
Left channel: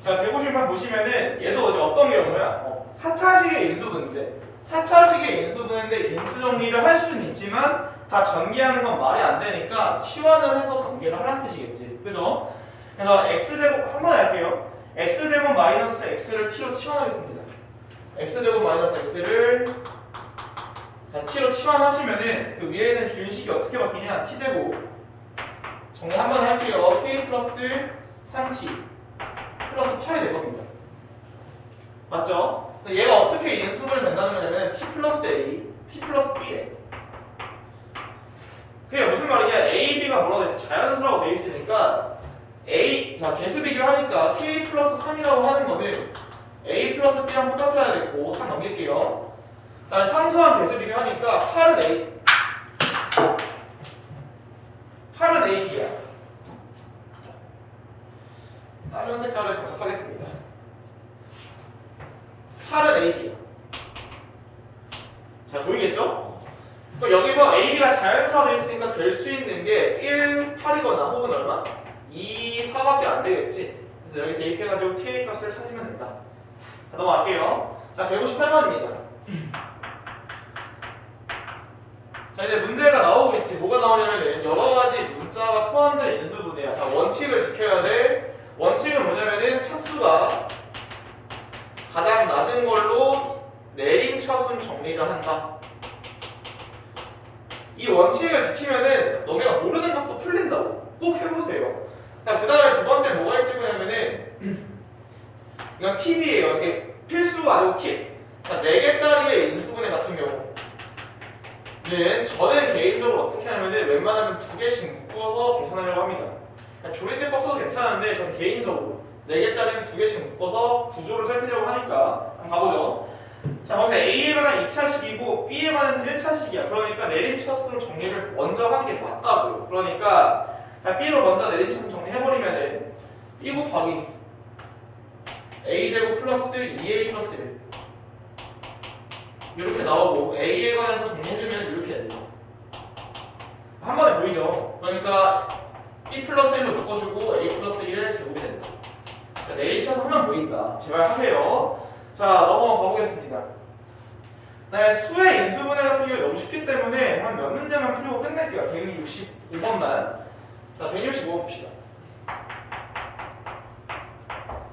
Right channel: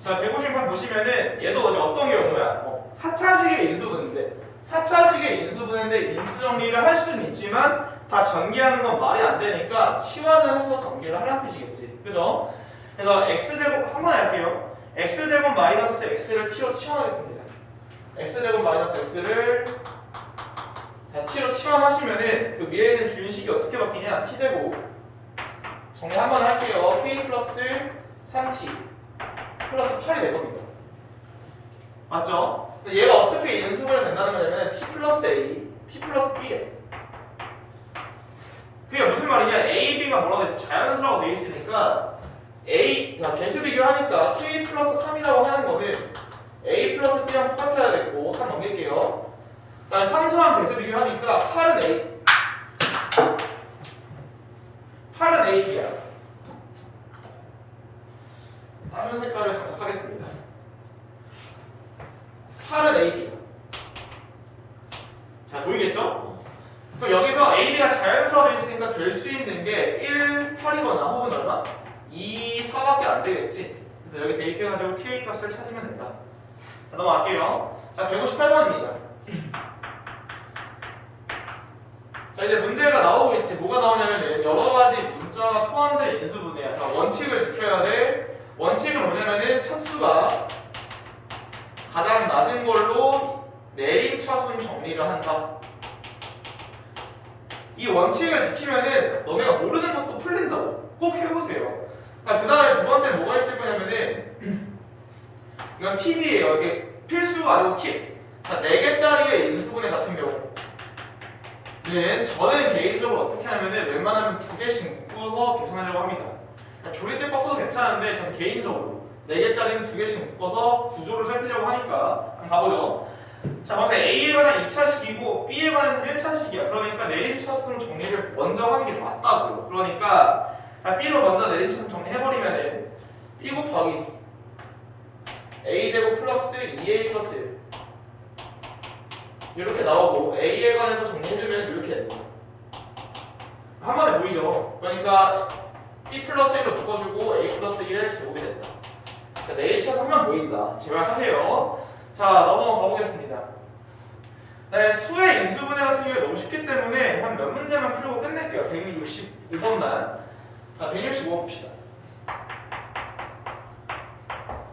자 156번 보시면은 얘도 이제 어떤 경우야? 4차식의 인수분인데 4차식의 인수분인데 인수정리를 할 수는 있지만 다 전개하는 건 말이 안 되니까 치환을 해서 전개를 하라는 뜻이겠지. 그죠? 그래서 x제곱 한 번에 할게요. x제곱 마이너스 x를 t로 치환하겠습니다. x제곱 마이너스 x를 t로 치환하시면은 그 위에 있는 준식이 어떻게 바뀌냐? t제곱 정리 한 번 할게요. k 플러스 3t 플러스 8이 되거든요. 맞죠? 얘가 어떻게 인수분해 된다는 거냐면 t 플러스 a, t 플러스 b에 그게 무슨 말이냐? a, b가 뭐라고 돼 있어? 자연수라고 돼 있으니까 a, 자 개수 비교하니까 k 플러스 3이라고 하는 거는 a 플러스 b랑 똑같아야 되고 3 넘길게요. 그다음에 상수한 개수 비교하니까 8은 a, b야. 다른 색깔을 장착하겠습니다. 8은 a, b야. 자 보이겠죠? 그럼 여기서 a, b가 자연수화되어 있으니까 될 수 있는 게 1, 8이거나 혹은 얼마? 2, 4밖에 안 되겠지. 그래서 여기 대입해가지고 k 값을 찾으면 된다. 자 넘어갈게요. 자 158번입니다. 자 이제 문제가 나오겠지. 뭐가 나오냐면 여러 가지 문자가 포함된 인수분해야. 자 원칙을 지켜야 돼. 원칙은 뭐냐면은 차수가 가장 낮은 걸로 내림차순 정리를 한다. 이 원칙을 지키면은 너네가 모르는 것도 풀린다고. 꼭 해보세요. 그 다음에 두 번째 뭐가 있을 거냐면은 이건 팁이에요. 이게 필수가 아니고 팁. 자 4개짜리의 인수분해 같은 경우는 저는 개인적으로 어떻게 하냐면은 웬만하면 2개씩 묶어서 계산하려고 합니다. 조리제법 써도 괜찮은데 저는 개인적으로 4개짜리는 2개씩 묶어서 구조를 살피려고 하니까 한번 가보죠. 자, 먼저 A에 관한 2차식이고 B에 관해서는 1차식이야. 그러니까 내림차순 정리를 먼저 하는 게 맞다고요. 그러니까 B로 먼저 내림차순 정리해버리면은 B 곱하기 A제곱 플러스 2A 플러스 1 이렇게 나오고 A에 관해서 정리해주면 이렇게 됩니다. 한 번에 보이죠? 그러니까 B 플러스 1로 묶어주고 A 플러스 1의 제곱이 된다. 그러니까 내림차순 하면 보인다. 제발 하세요. 자 넘어가 보겠습니다. 그 다음에 수의 인수분해 같은 경우 너무 쉽기 때문에 한 몇 문제만 풀고 끝낼게요. 165번만. 자 165번 봅시다.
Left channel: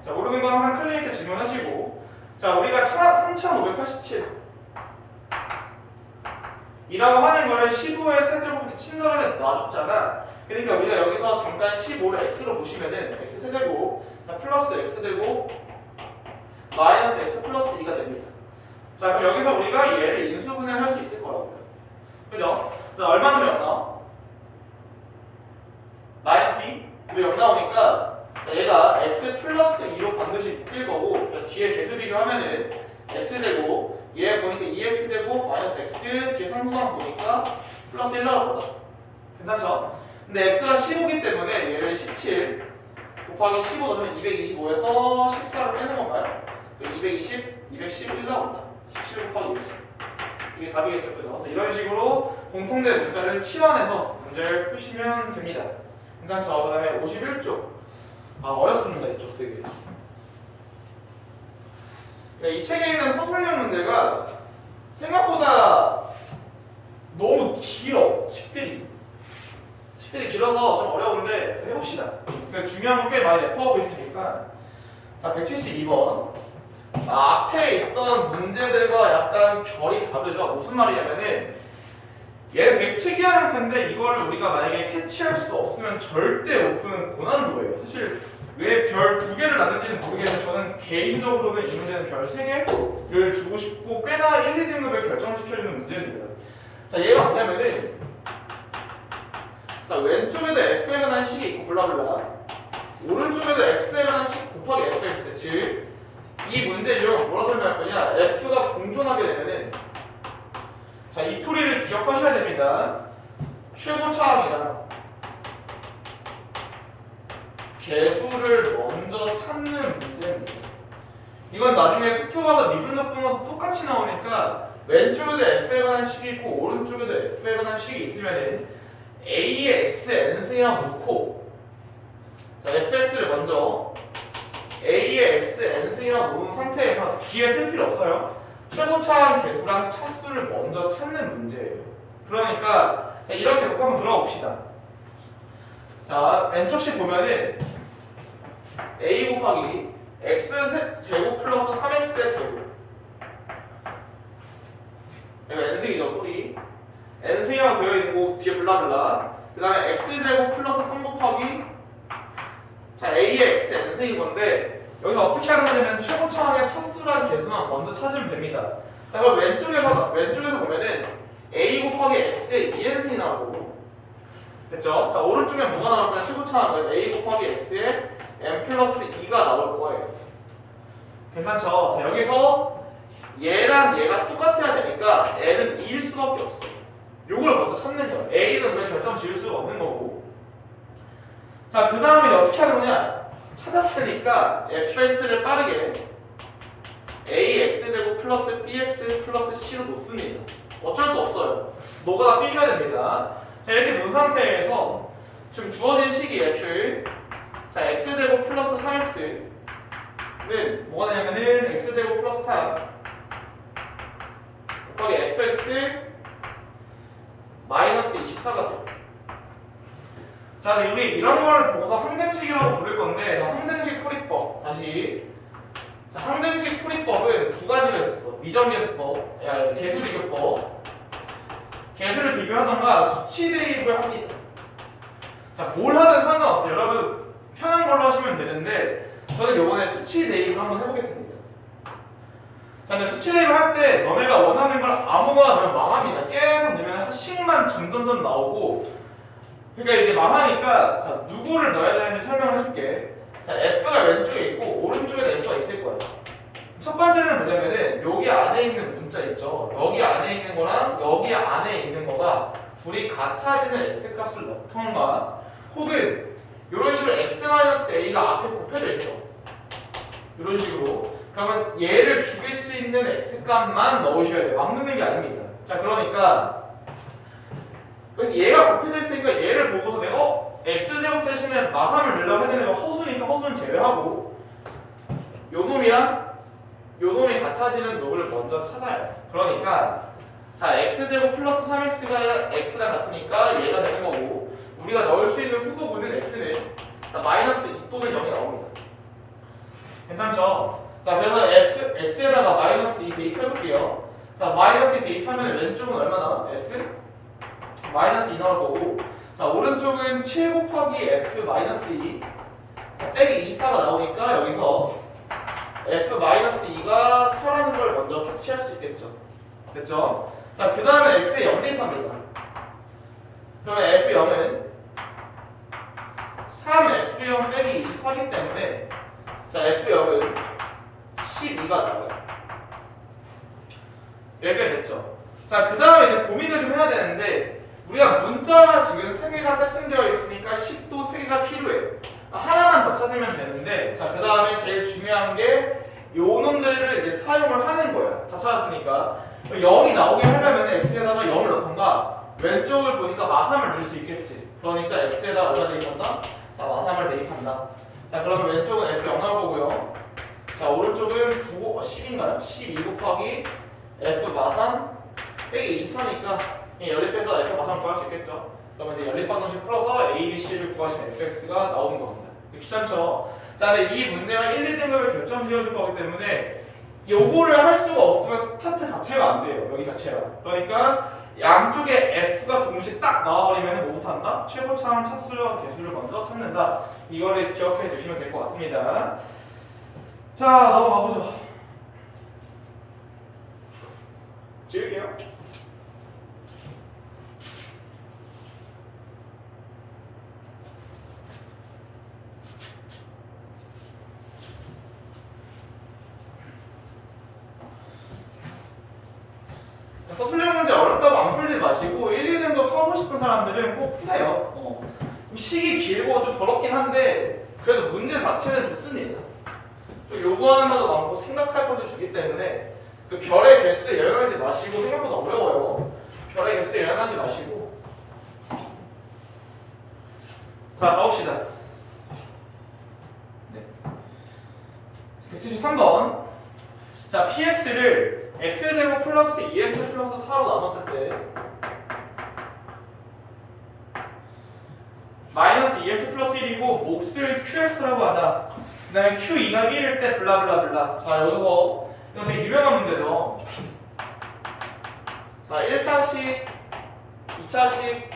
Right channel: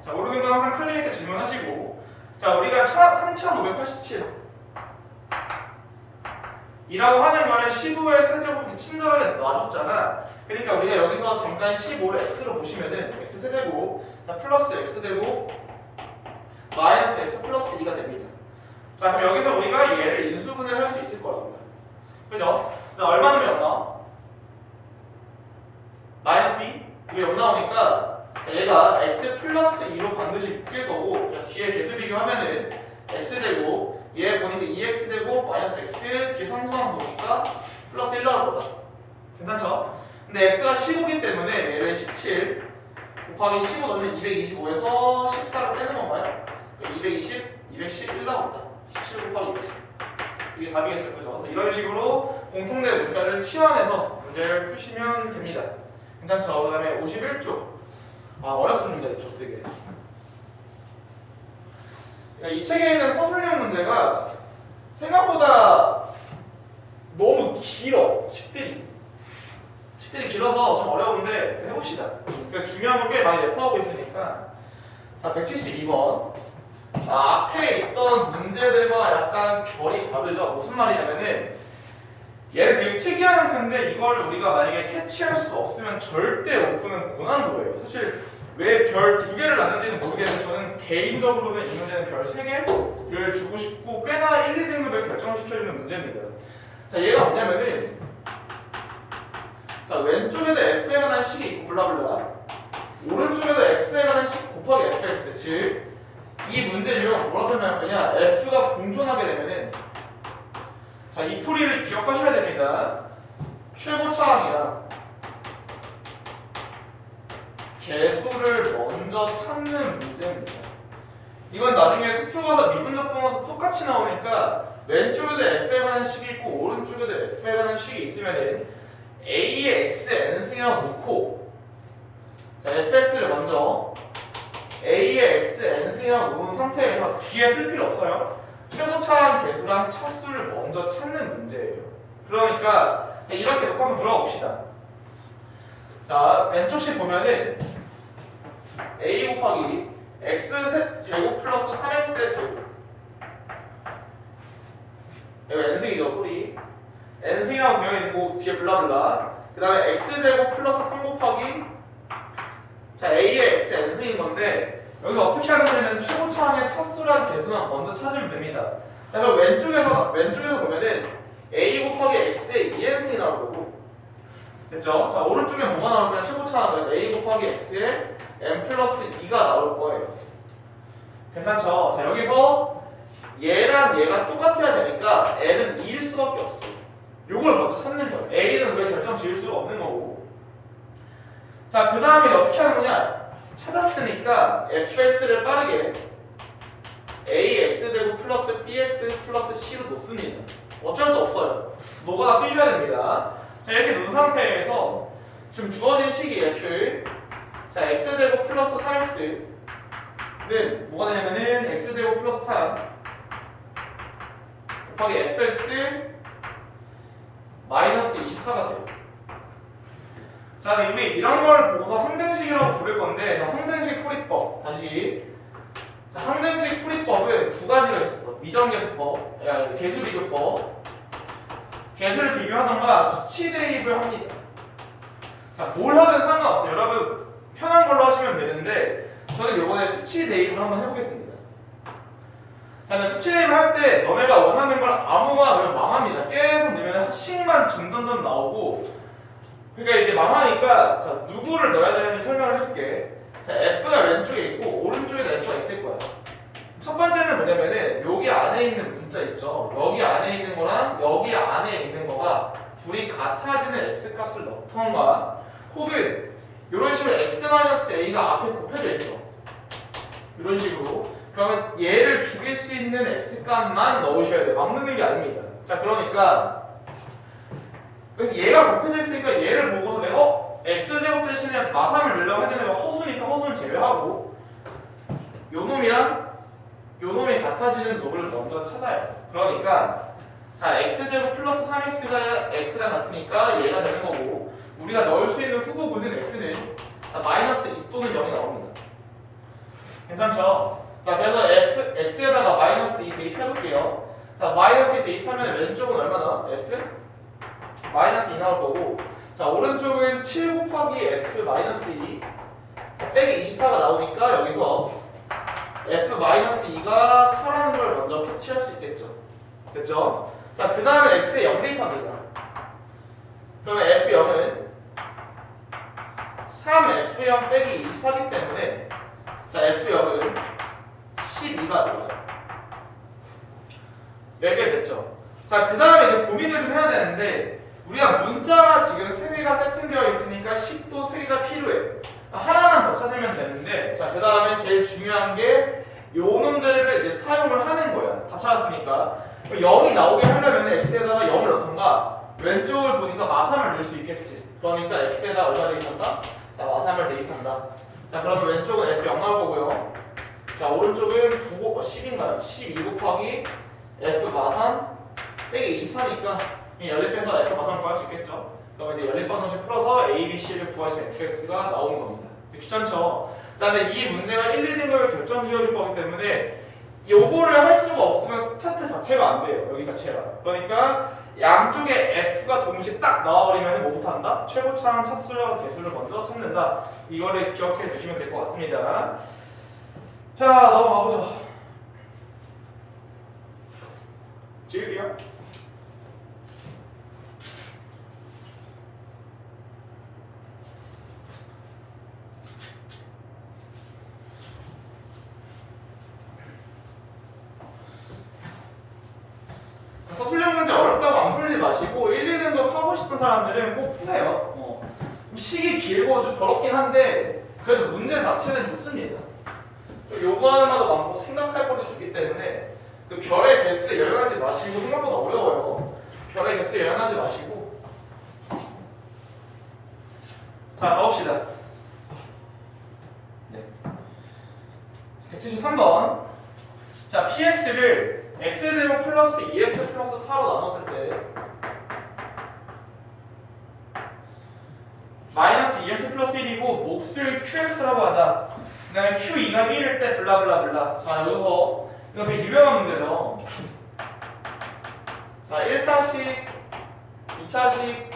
자 모르는 거 항상 클리닉 때 질문하시고. 자 우리가 3587 이라고 하는 거를 15의 세제곱이 친절하게 놔줬잖아. 그러니까 우리가 여기서 잠깐 15를 x로 보시면은 x 세제곱 자 플러스 x 제곱 마이너스 x 플러스 2가 됩니다. 자 그럼 여기서 우리가 얘를 인수분해를 할 수 있을 거라고요. 그죠? 자 얼마 넣으면 0 나와? 마이너스 2? 우리 0 나오니까 자 얘가 x 플러스 2로 반드시 묶일 거고 자, 뒤에 개수 비교하면은 x제곱 얘 보니까 2x제곱 마이너스 x 뒤에 상수항 보니까 플러스 1 나올 거다. 괜찮죠? 근데 x가 15이기 때문에 얘를 17 곱하기 15 넣으면 225에서 14로 빼는 건가요? 220, 211 나온다. 17 곱하기 210 이게 답이겠죠. 그죠? 그래서 이런 식으로 공통된 문자를 치환해서 문제를 푸시면 됩니다. 괜찮죠? 그 다음에 51쪽 아 어렵습니다. 이쪽 되게 이 책에 있는 서술형 문제가 생각보다 너무 길어. 식들이 길어서 좀 어려운데 해봅시다. 중요한 건 꽤 많이 내포하고 있으니까. 자 172번 앞에 있던 문제들과 약간 결이 다르죠. 무슨 말이냐면은 얘는 되게 특이한 텐데 이거를 우리가 만약에 캐치할 수 없으면 절대 못 푸는 고난도예요. 사실 왜 별 2개를 놨는지는 모르겠는데 저는 개인적으로는 이 문제는 별 3개를 주고 싶고 꽤나 1, 2등급을 결정시켜주는 문제입니다. 자 얘가 뭐냐면은 자 왼쪽에도 f에 관한 식이 있고 블라블라 오른쪽에도 x에 관한 식 곱하기 fx 즉 이 문제 유형 뭐라 설명할 거냐 f가 공존하게 되면은 자, 이 풀이를 기억하셔야 됩니다. 최고차항이랑 개수를 먼저 찾는 문제입니다. 이건 나중에 수표 가서 미분적 분모서 똑같이 나오니까 왼쪽에도 f에 관한 식이 있고 오른쪽에도 f에 관한 식이 있으면은 a의 x n승이랑 놓고, 자, fx를 먼저 a의 x n승이랑 놓은 상태에서 뒤에 쓸 필요 없어요. 최고차항 개수랑 차수를 먼저 찾는 문제예요. 그러니까 자, 이렇게 놓고 한번 들어가 봅시다. 자, 왼쪽씩 보면은 a 곱하기 x 제곱 플러스 3x의 제곱, 여기 n승이죠, 소리. n승이라고 되어 있는 거 뒤에 블라블라. 그 다음에 x제곱 플러스 3 곱하기, 자, a의 x n승인 건데 여기서 어떻게 하는 거냐면 최고차항의 차수랑 개수만 먼저 찾으면 됩니다. 그럼 왼쪽에서 보면은 a 곱하기 x의 2n승이 나올 거고, 됐죠? 자, 오른쪽에 뭐가 나오면 최고차항은 a 곱하기 x의 n 플러스 2가 나올 거예요. 괜찮죠? 자, 여기서 얘랑 얘가 똑같아야 되니까 n은 2일 수밖에 없어. 요걸 먼저 찾는 거예요. a는 우리가 결정 지을 수가 없는 거고. 자, 그 다음에 어떻게 하느냐? 찾았으니까 fx를 빠르게 ax제곱 플러스 bx 플러스 c로 놓습니다. 어쩔 수 없어요. 뭐가 삐져야 됩니다. 자, 이렇게 놓은 상태에서 지금 주어진 식이 f, 자, x제곱 플러스 3x는 뭐가 되냐면은 x제곱 플러스 3 곱하기 fx 마이너스 24가 돼요. 자, 우리 이런 걸 보고서 항등식이라고 부를 건데, 자, 항등식 풀이법 다시. 자, 항등식 풀이법은 두 가지가 있었어. 미정계수법, 개수 비교법. 개수를 비교하던가 수치 대입을 합니다. 자, 뭘 하든 상관없어요. 여러분 편한 걸로 하시면 되는데 저는 이번에 수치 대입을 한번 해보겠습니다. 자, 근데 수치 대입을 할 때 너네가 원하는 걸 아무거나 넣으면 망합니다. 계속 넣으면 식만 점점점 나오고, 그러니까 이제 망하니까 자, 누구를 넣어야 되는지 설명을 해줄게. 자, F가 왼쪽에 있고 오른쪽에도 F가 있을 거야. 첫 번째는 뭐냐면은 여기 안에 있는 문자 있죠. 여기 안에 있는 거랑 여기 안에 있는 거가 둘이 같아지는 X값을 넣던가, 혹은 이런 식으로 X-A가 앞에 곱혀져 있어. 이런 식으로. 그러면 얘를 죽일 수 있는 X값만 넣으셔야 돼요. 막 넣는 게 아닙니다. 자, 그러니까 그래서 얘가 곱해져 있으니까 얘를 보고서 내가 x제곱 대신에 마삼을 넣으려고 했는데 허수니까 허수는 제외하고 요 놈이랑 요 놈이 같아지는 놈을 먼저 찾아요. 그러니까 자, x제곱 플러스 3x가 x랑 같으니까 얘가 되는 거고, 우리가 넣을 수 있는 후보군은 x는 자, 마이너스 2 또는 0이 나옵니다. 괜찮죠? 자, 그래서 x에다가 마이너스 2 대입해볼게요. 자, 마이너스 2 대입하면 왼쪽은 얼마나? f? 마이너스 2 나올 거고, 자, 오른쪽은 7 곱하기 f 마이너스 2 빼기 24가 나오니까 여기서 f 마이너스 2가 4라는 걸 먼저 캐치할 수 있겠죠. 됐죠? 자, 그 다음에 x에 0 대입합니다. 그러면 f0은 3f0 빼기 24기 때문에 자, f0은 12가 나와요. 여기까지 됐죠? 자, 그 다음에 이제 고민을 좀 해야 되는데, 우리가 문자가 지금 3개가 세팅되어 있으니까 식도 3개가 필요해요. 하나만 더 찾으면 되는데, 자, 그 다음에 제일 중요한 게 요 놈들을 이제 사용을 하는 거야. 다 찾았으니까 0이 나오게 하려면 x에다가 0을 넣던가, 왼쪽을 보니까 마삼을 넣을 수 있겠지. 그러니까 x에다 얼마 대입한다? 자, 마삼을 대입한다. 자, 그러면 왼쪽은 f0 나올 거고요. 자, 오른쪽은 10인가요? 12 곱하기 f 마삼 빼기 24니까 연립해서 f 마삼 구할 수 있겠죠. 그럼 이제 연립방정식 풀어서 a, b, c를 구하시면 fx가 나오는 겁니다. 귀찮죠? 자, 근데 이 문제가 1, 2등급을 결정 지어줄 거기 때문에 요거를 할 수가 없으면 스타트 자체가 안 돼요. 여기 자체가. 그러니까 양쪽에 f가 동시에 딱 나와버리면 뭐부터 한다? 최고차항 차수와 개수를 먼저 찾는다. 이거를 기억해 두시면 될 것 같습니다. 자, 넘어가 보죠. 지울게요. 서술형 문제 어렵다고 안 풀지 마시고 1, 2등급 하고 싶은 사람들은 꼭 푸세요. 시기 길고 좀 더럽긴 한데 그래도 문제 자체는 좋습니다. 또 요구하는 바도 많고 생각할 것도 주기 때문에 그 별의 개수에 예언하지 마시고 생각보다 어려워요. 별의 개수에 예언하지 마시고 자 가봅시다. 네. 173번 자 px를 x제곱 플러스 2x 플러스 4로 나눴을 때 마이너스 2x 플러스 1이고 몫을 qx라고 하자. 그 다음에 q2가 1일 때 블라블라블라. 자 여기서 이거 되게 유명한 문제죠. 자 1차식 2차식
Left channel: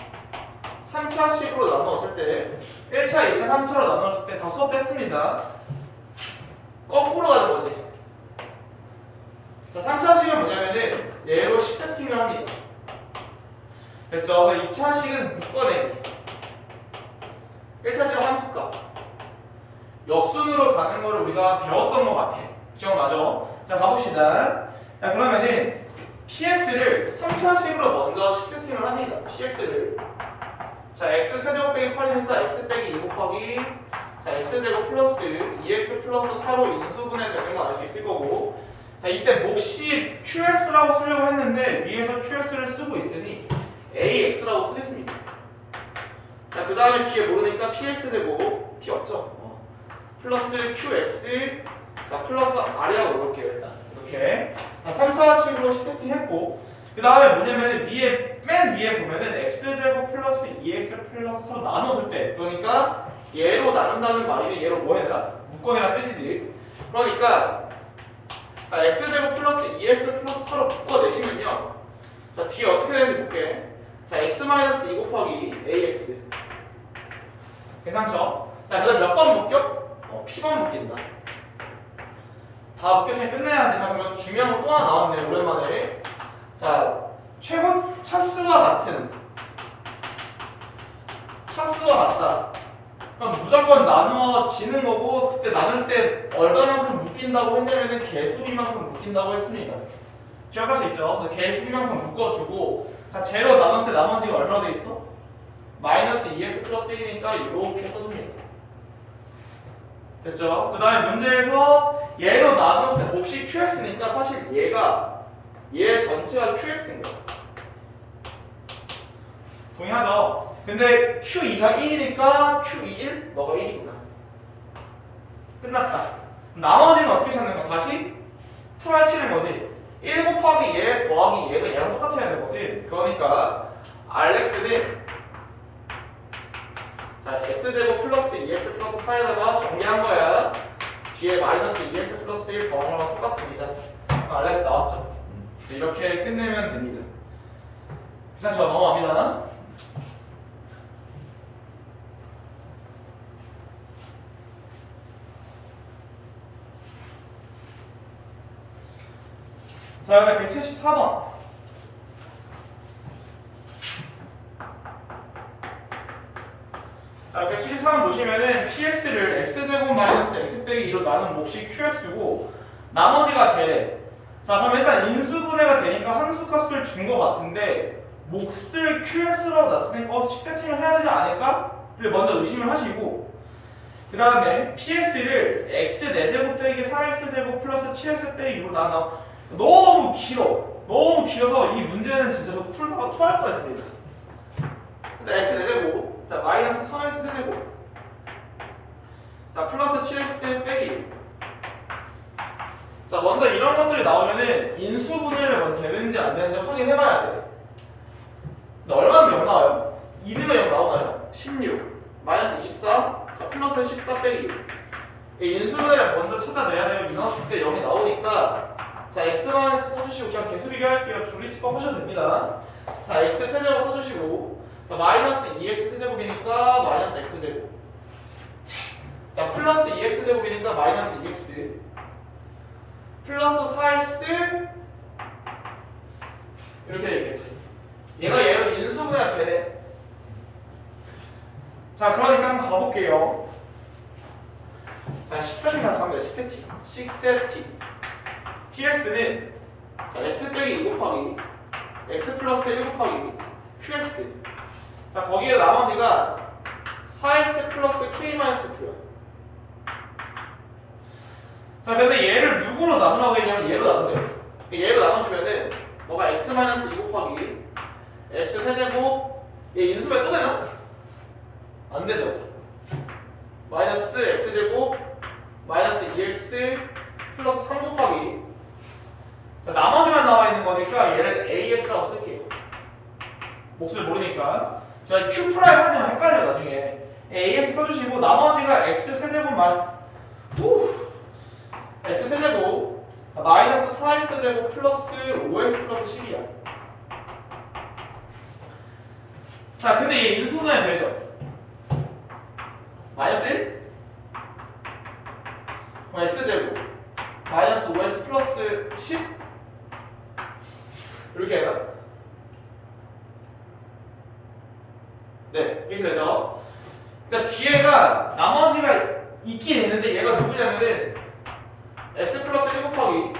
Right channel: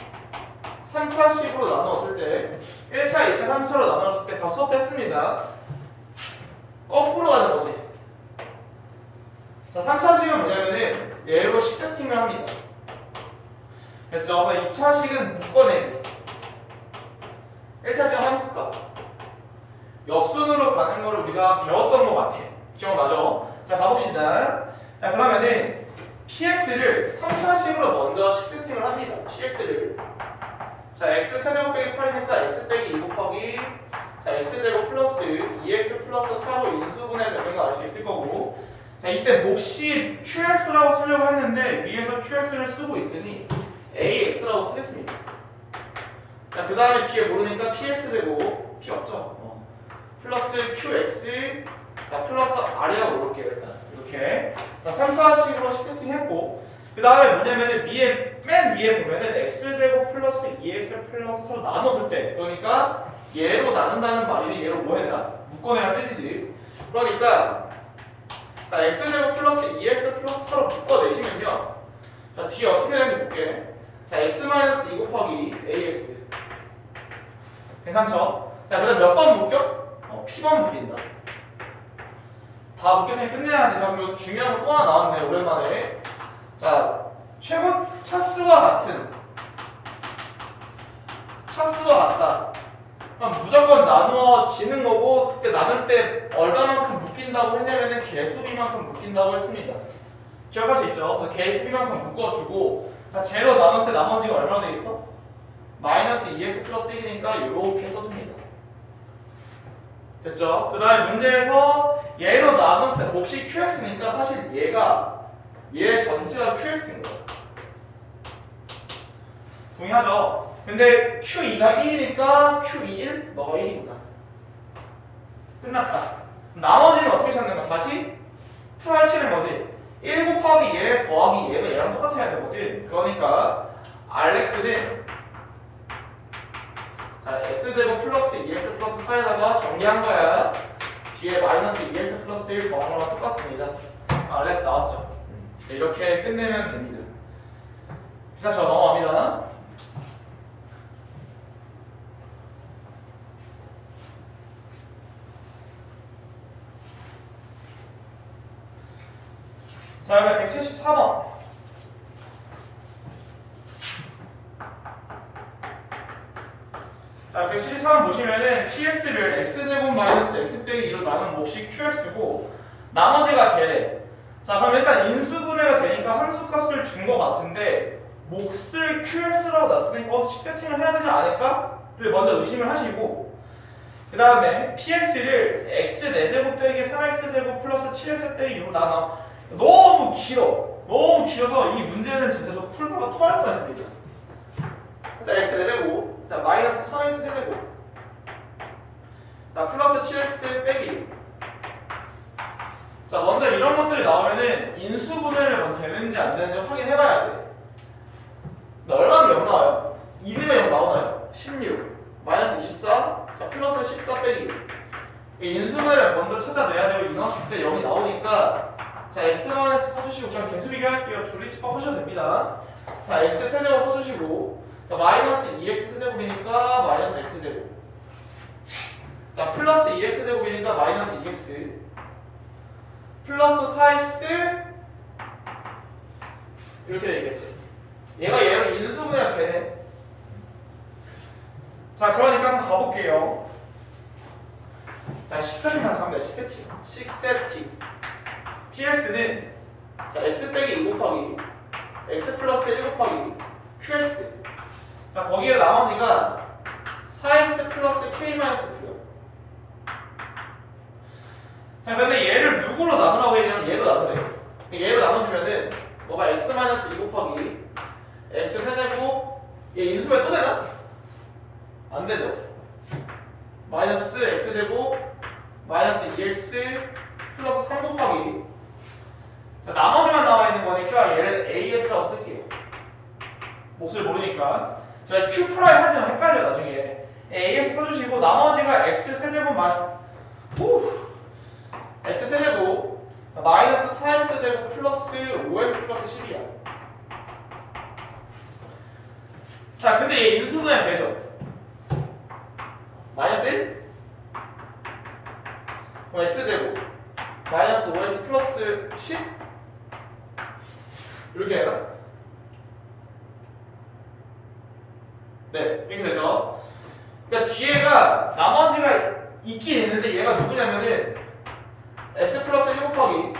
3차식으로 나누었을 때 1차, 2차, 3차로 나누었을 때 다 수업했습니다. 거꾸로 가는 거지. 자 3차식은 뭐냐면은 얘로 식 세팅을 합니다. 됐죠? 2차식은 묶어내기. 1차식은 함수값. 역순으로 가는 거를 우리가 배웠던 것 같아. 기억나죠? 자 가봅시다. 자 그러면은 px를 3차식으로 먼저 식 세팅을 합니다. px를 자 x 세제곱 빼기 8이니까 x 빼기 2 곱하기 자 x제곱 플러스 2x 플러스 4로 인수분해 되는 거 알 수 있을 거고 자 이때 몫이 qx라고 쓰려고 했는데 위에서 qx를 쓰고 있으니 ax라고 쓰겠습니다. 자 그 다음에 뒤에 모르니까 px제곱 p 없죠? 플러스 qx 자 플러스 r이라고 넣을게요 일단 이렇게 자 3차식으로 식 세팅했고 그 다음에 뭐냐면은 맨 위에 보면은 x제곱 플러스 2x 플러스 4로 나눴을 때 그러니까 얘로 나눈다는 말이 얘로 뭐 해라? 묶어내라 뜻이지. 그러니까 자 x제곱 플러스 2x 플러스 4로 묶어내시면요 자 뒤에 어떻게 되는지 볼게. 자 x 마이너스 2 곱하기 ax 괜찮죠? 자 그다음 몇 번 묶여? p번 묶인다. 다 묶였으니 끝내야지. 자 그럼 여기서 중요한 거 또 하나 나왔네 오랜만에. 자 최고 차수와 같은 차수와 같다. 그럼 무조건 나누어지는 거고 그때 나눌 때 얼마만큼 묶인다고 했냐면은 개수비만큼 묶인다고 했습니다. 기억할 수 있죠? 그래서 개수비만큼 묶어주고 자 제로 나눴을 때 나머지가 얼마나 돼 있어? 마이너스 2x 플러스 1이니까 이렇게 써줍니다. 됐죠? 그 다음에 문제에서 얘로 나눴을 때 몫이 qx니까 사실 얘 전체가 qx인 거예요. 동의하죠? 근데 q2가 1이니까 q21 너가 1이구나. 끝났다. 나머지는 어떻게 찾는가? 다시 풀어헤치는 거지. 1 곱하기 얘 더하기 얘가 얘랑 똑같아야 되거든. 그러니까 rx는 자 x제곱 플러스 2x 플러스 4에다가 정리한 거야. 뒤에 마이너스 2x 플러스 1 더한 거랑 똑같습니다. rx 나왔죠? 이렇게 끝내면 됩니다. 괜찮죠? 넘어갑니다. 자, 여기가 174번. 자, 174번 보시면은 px를 x제곱 마이너스 x 빼기 2로 나눈 몫이 qx고 나머지가 제래. 자, 그럼 일단 인수분해가 되니까 함수값을 준 것 같은데 몫을 qx라고 놨으니까 식 세팅을 해야 되지 않을까?를 먼저 의심을 하시고 그 다음에 px를 x 4제곱 빼기 3x제곱 플러스 7x 빼기 2로 나눠. 너무 길어. 너무 길어서 이 문제는 진짜 저 풀다가 토할 뻔했습니다. 일단 x 4제곱, 자 마이너스 3x 세제곱, 자 플러스 7x 빼기. 자 먼저 이런 것들이 나오면은 인수분해를 먼저 되는지 안 되는지 확인해봐야 돼. 근데 얼마나 0 나와요? 2분의 0 나오나요? 16, 마이너스 24, 자 플러스 14 빼기. 인수분해를 먼저 찾아내야 되고 이넣었을 때 0이 나오니까. 자 x-마이너스 써주시고 그냥 개수 비교할게요. 조리기법 하셔도 됩니다. 자 x 세제곱 써주시고 자, 마이너스 2x 세제곱이니까 마이너스 x제곱 자 플러스 2x 세제곱이니까 마이너스 2x 플러스 4x 이렇게 되겠지. 얘가 얘로 인수분해가 되네. 자 그러니까 한번 가볼게요. 자 식세팅 나갑니다. 식세팅 px는 자 x 빼기 1 곱하기 x 플러스 1 곱하기 qx. 자, 거기에 나머지가 4x 플러스 k 마이너스 9야. 자, 근데 얘를 누구로 나누라고 했냐면 얘로 나누래. 얘로 나눠주면은 뭐가 x 마이너스 2 곱하기 x 세제곱, 얘 인수면 또 되나? 안 되죠. 마이너스 x 제곱 마이너스 2x 플러스 3 곱하기, 자, 나머지만 나와 있는 거니까 얘를 AX라고 쓸게요. 몫을 모르니까. 자, Q 프라임 하지만 헷갈려요 나중에. AX 써주시고 나머지가 X 세제곱 X 세제곱 마이너스 4X 제곱 플러스 5X 플러스 10이야. 자, 근데 얘 인수분해 되죠? 마이너스 1? X 제곱 마이너스 5X 플러스 10? 이렇게 해요? 네, 이렇게 되죠. 그러니까 뒤에가 나머지가 있긴 있는데 얘가 누구냐면은 x 플러스 1 곱하기,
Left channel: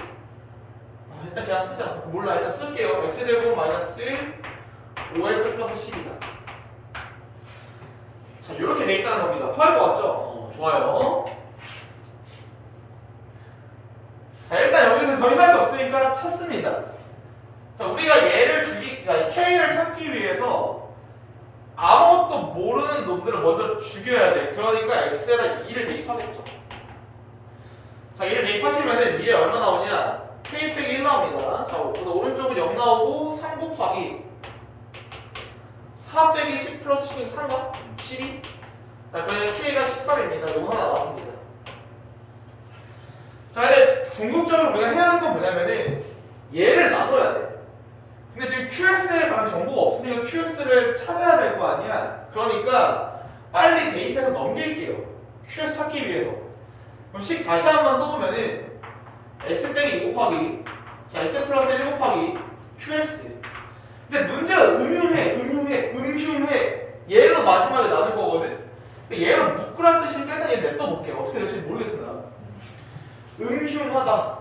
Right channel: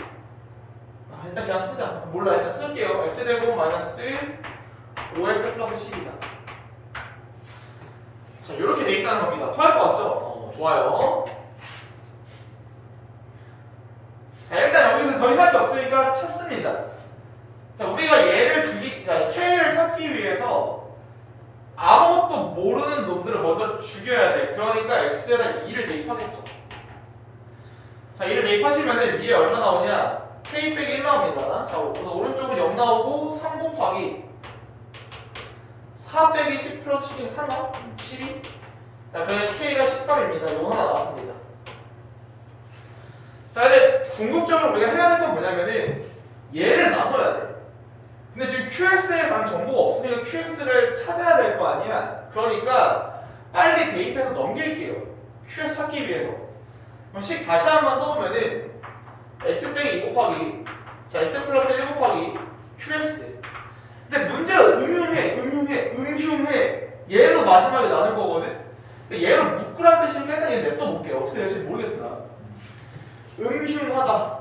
일단 그냥 쓰자. 몰라, 일단 쓸게요. x 제곱 마이너스 5x 플러스 10이다. 자, 이렇게 돼 있다는 겁니다. 토할 것 같죠? 좋아요. 자, 일단 여기서 더 이상 할 게 없으니까 찾습니다. 자, 우리가 얘를 자, K를 찾기 위해서 아무것도 모르는 놈들을 먼저 죽여야 돼. 그러니까 X에다 2를 대입하겠죠. 자, 2를 대입하시면은 위에 얼마 나오냐? K 빼기 1 나옵니다. 자, 오른쪽은 0 나오고 3 곱하기 4 빼기 10 플러스 10이 3가? 12? 자, 그러면 K가 13입니다. 요거 하나 나왔습니다. 자, 근데 궁극적으로 우리가 해야 하는 건 뭐냐면은 얘를 나눠야 돼. 근데 지금 QX에 관한 정보가 없으니까 QX를 찾아야 될 거 아니야. 그러니까 빨리 대입해서 넘길게요. QX 찾기 위해서. 그럼 식 다시 한번 써보면은 x 빼기 2 곱하기, 자, x 플러스 1 곱하기 QX. 근데 문제가 음흉해. 얘로 마지막에 나눌 거거든. 얘로 묶으라는 뜻이 깼다. 얘 냅둬 볼게요. 어떻게 될지 모르겠어 나. 음흉하다.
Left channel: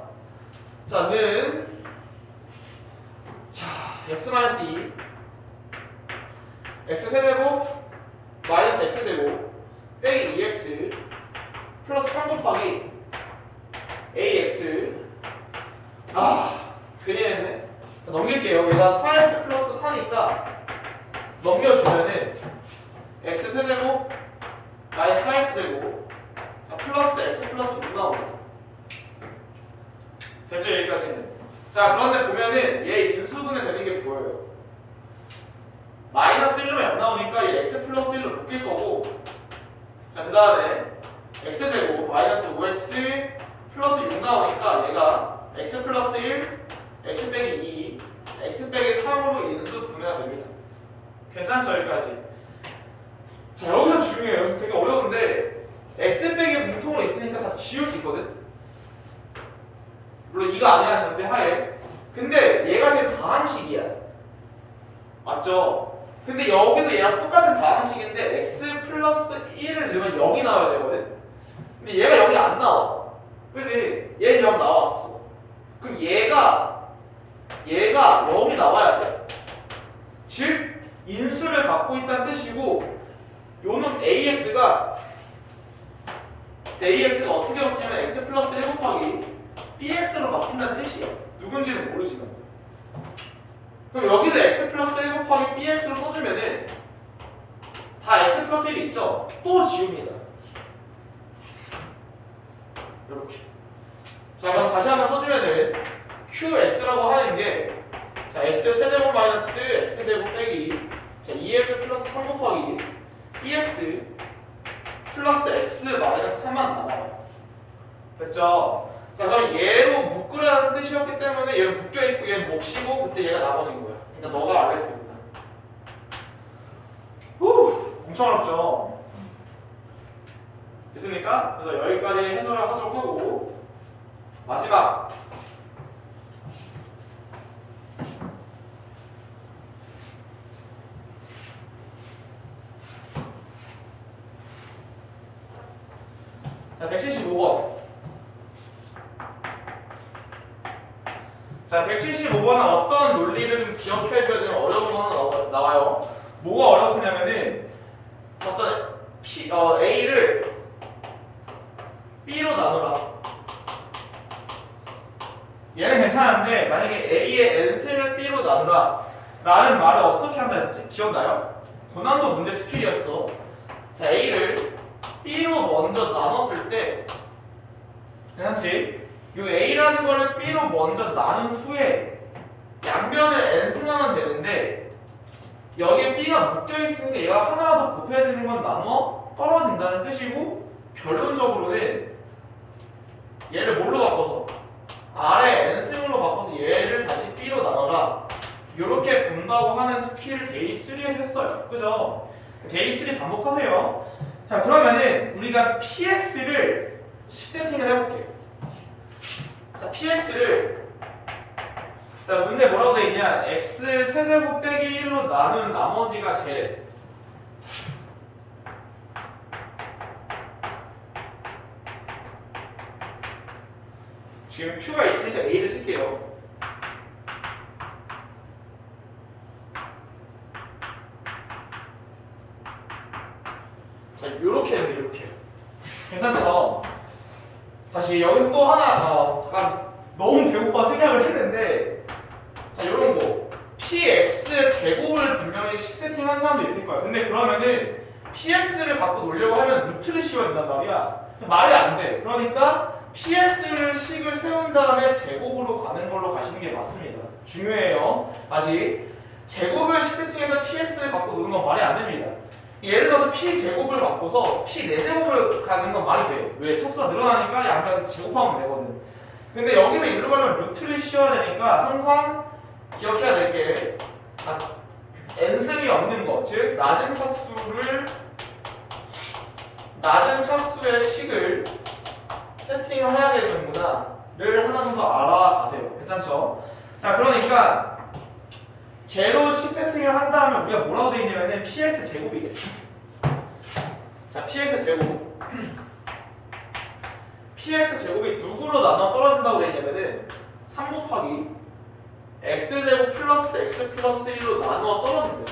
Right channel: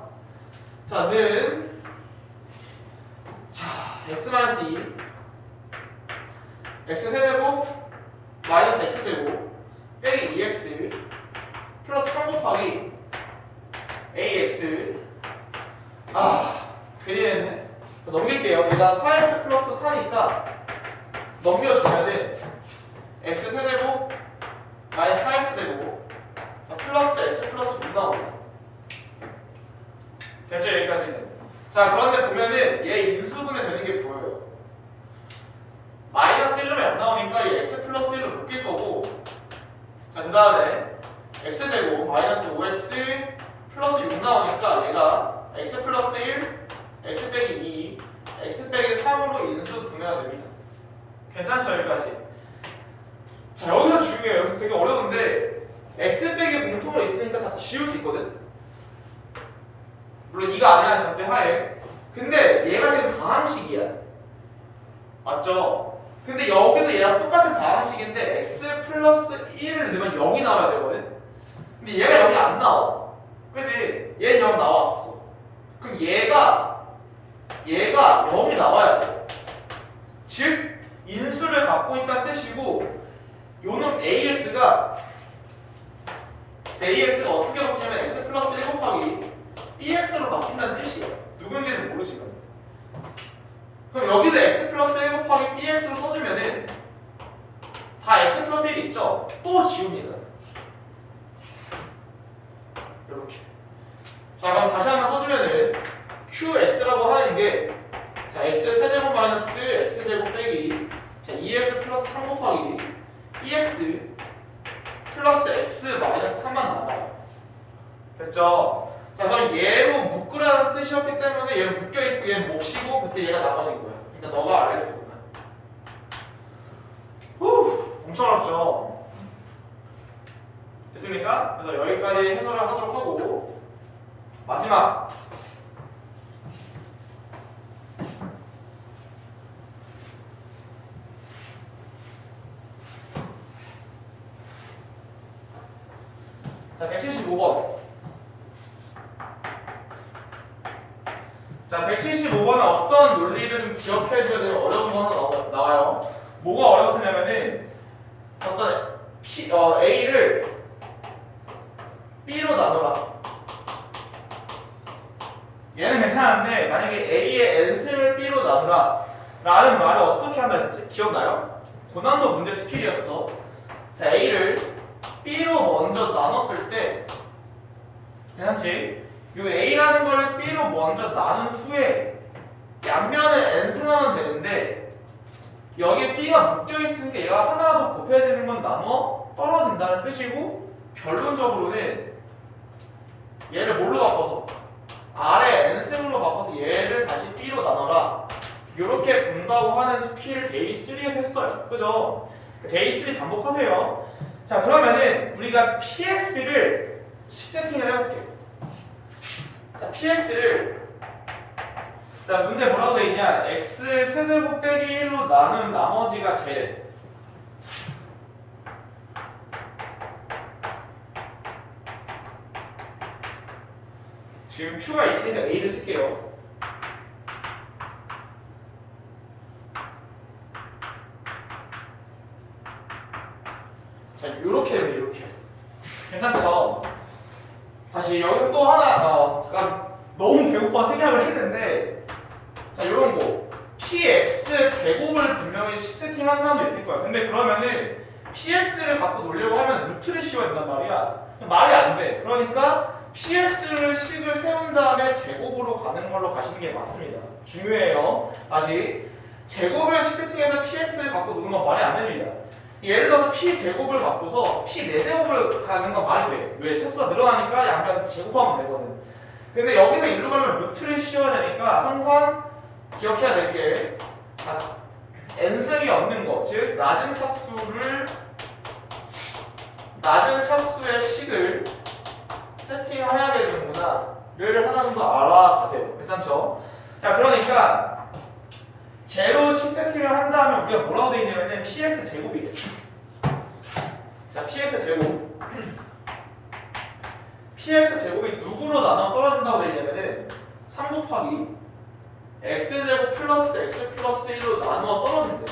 자, 는 x-2 x 세제곱 마이너스 x 제곱 빼기 2x 플러스 3 곱하기 ax. 괜히 했네. 넘길게요. 얘가 4x 플러스 4니까 넘겨주면은 x 세제곱 마이너스 4x 제곱, 자, 플러스 x 플러스 6 나옵니다. 됐죠? 여기까지는. 자, 그런데 보면은 얘 인수분해 되는 게 보여요. 마이너스 1로만 0 나오니까 얘 x 플러스 1로 묶일 거고, 자, 그 다음에 x제곱 마이너스 5x 플러스 6 나오니까 얘가 x 플러스 1, x 빼기 2, x 빼기 3으로 인수분해가 됩니다. 괜찮죠? 여기까지. 자, 여기서 중요해요. 여기서 되게 어려운데 x 빼기 공통으로 있으니까 다 지울 수 있거든? 물론 이거 안 해야 전제 하에. 근데 얘가 지금 다항식이야. 맞죠? 근데 여기도 얘랑 똑같은 다항식인데 x 플러스 1을 넣으면 0이 나와야 되거든? 근데 얘가 0이 안 나와. 그치? 얘는 0 나왔어. 그럼 얘가 0이 나와야 돼. 즉 인수를 갖고 있다는 뜻이고, 요놈 AX가 어떻게 바뀌냐면 x 플러스 1 곱하기 bx로 바뀐다는 뜻이야. 누군지는 모르지만. 그럼 여기도 x 플러스 1 곱하기 bx로 써주면은 다 x 플러스 1이 있죠? 또 지웁니다. 이렇게. 자, 그럼 다시 한번 써주면은 qx라고 하는 게, 자, x 세제곱 마이너스 x 제곱 빼기, 자, 2x 플러스 3 곱하기 bx 플러스 x 마이너스 3만 남아요. 됐죠? 자, 그럼 얘로 묶으라는 뜻이었기 때문에 얘는 묶여있고 얘는 몫이고 그때 얘가 나머진 거야. 그러니까 너가 알겠습니다. 엄청 어렵죠? 됐습니까? 그래서 여기까지 해설을 하도록 하고, 마지막 자, 175번. 자, 175번은 어떤 논리를 좀 기억해 줘야 되면 어려운 거 하나 나와요. 뭐가 어렵냐면은 어떤 A를 B로 나누라. 얘는 괜찮은데 만약에 A의 n승을 B로 나누라 라는 말을 어떻게 한다 했었지? 기억나요? 고난도 문제 스킬이었어. 자, A를 B로 먼저 나눴을 때 괜찮지? 요 A라는 거를 B로 먼저 나눈 후에 양면을 n승하면 되는데 여기에 B가 묶여있으니까 얘가 하나라도 곱해지는 건 나누어 떨어진다는 뜻이고 결론적으로는 얘를 뭘로 바꿔서 아래 n승으로 바꿔서 얘를 다시 B로 나눠라 이렇게 본다고 하는 스킬을 데이 3에서 했어요. 그죠? 데이 3 반복하세요. 자, 그러면은 우리가 px를 식세팅을 해볼게요. 자, px를 자, 문제 뭐라고 돼 있냐? x 세제곱 빼기 1로 나눈 나머지가 제래. 지금 q가 있으니까 a를 쓸게요. 자, 요렇게 해요, 요렇게. 괜찮죠? 다시 여기서 또 하나, 잠깐 너무 배고파 생각을 했는데, 자, 요런 거. px 제곱을 분명히 식세팅 하는 사람도 있을 거야. 근데 그러면은 px를 갖고 놀려고 하면 루트를 씌워야 된단 말이야. 말이 안 돼. 그러니까 px를 식을 세운 다음에 제곱으로 가는 걸로 가시는 게 맞습니다. 중요해요. 다시 제곱을 식세팅해서 px를 갖고 노는 건 말이 안 됩니다. 예를 들어서 p제곱을 바꿔서 p4제곱을 가는 건 말이 돼. 왜? 차수가 늘어나니까 양변 제곱하면 되거든. 근데 여기서 이리로 가면 루트를 씌워야 되니까 항상 기억해야 될 게 n승이 없는 거, 즉 낮은 차수의 식을 세팅을 해야 되는구나를 하나 정도 알아가세요. 괜찮죠? 자, 그러니까 제로 식 세팅을 한 다음에 우리가 뭐라고 돼 있냐면은 px 제곱이 돼. 자, px 제곱 px 제곱이 누구로 나눠 떨어진다고 돼 있냐면은 3 곱하기 x제곱 플러스 x 플러스 1로 나누어 떨어진대.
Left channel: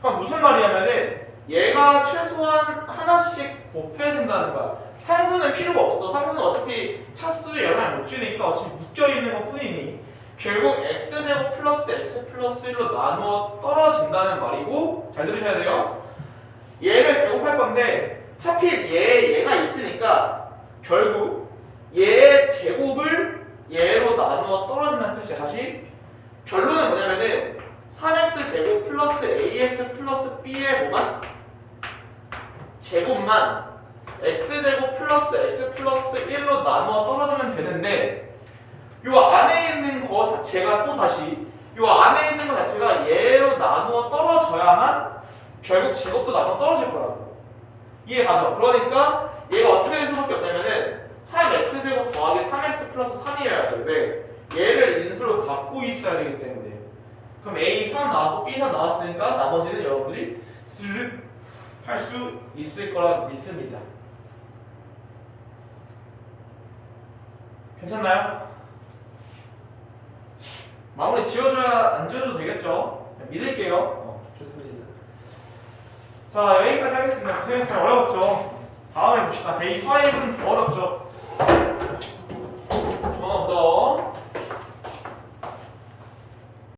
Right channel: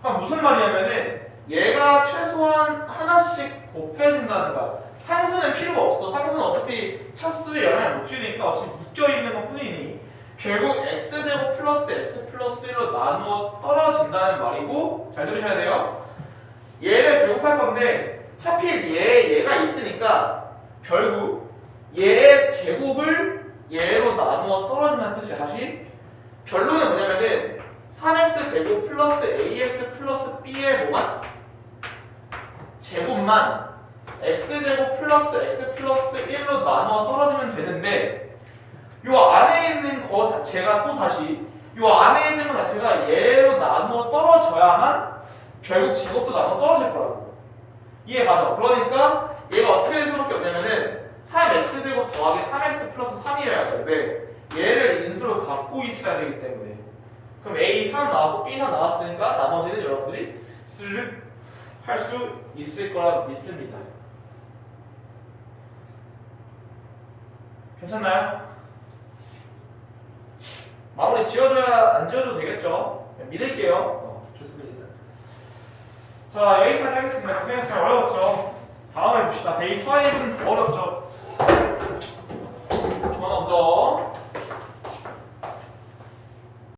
그럼 무슨 말이냐면은 얘가 최소한 하나씩 곱해진다는 거야. 상수는 필요가 없어. 상수는 어차피 차수에 영향을 못 주니까 어차피 묶여있는 것 뿐이니 결국 x제곱 플러스 x 플러스 1로 나누어 떨어진다는 말이고, 잘 들으셔야 돼요. 얘를 제곱할 건데 하필 얘가 있으니까 결국 얘의 제곱을 얘로 나누어 떨어진다는 뜻이야. 다시 결론은 뭐냐면은 3x 제곱 플러스 ax 플러스 b의 뭐만? 제곱만 x제곱 플러스 x 플러스 1로 나누어 떨어지면 되는데 요 안에 있는 거 자체가 또 다시 요 안에 있는 거 자체가 얘로 나누어 떨어져야만 결국 제곱도 나누어 떨어질 거라고. 이해가죠? 그러니까 얘가 어떻게 될 수밖에 없냐면은 3x제곱 더하기 3x 플러스 3이어야 돼. 왜? 얘를 인수로 갖고 있어야 되기 때문에. 그럼 a 3 나왔고 b 3 나왔으니까 나머지는 여러분들이 스르륵 할 수 있을 거라 믿습니다. 괜찮나요? 마무리 지어줘야 안 지어줘도 되겠죠? 믿을게요. 좋습니다. 자, 여기까지 하겠습니다. 고생했어요. 어려웠죠? 다음에 봅시다. 데이 5는 더 어렵죠? 전화 먼저.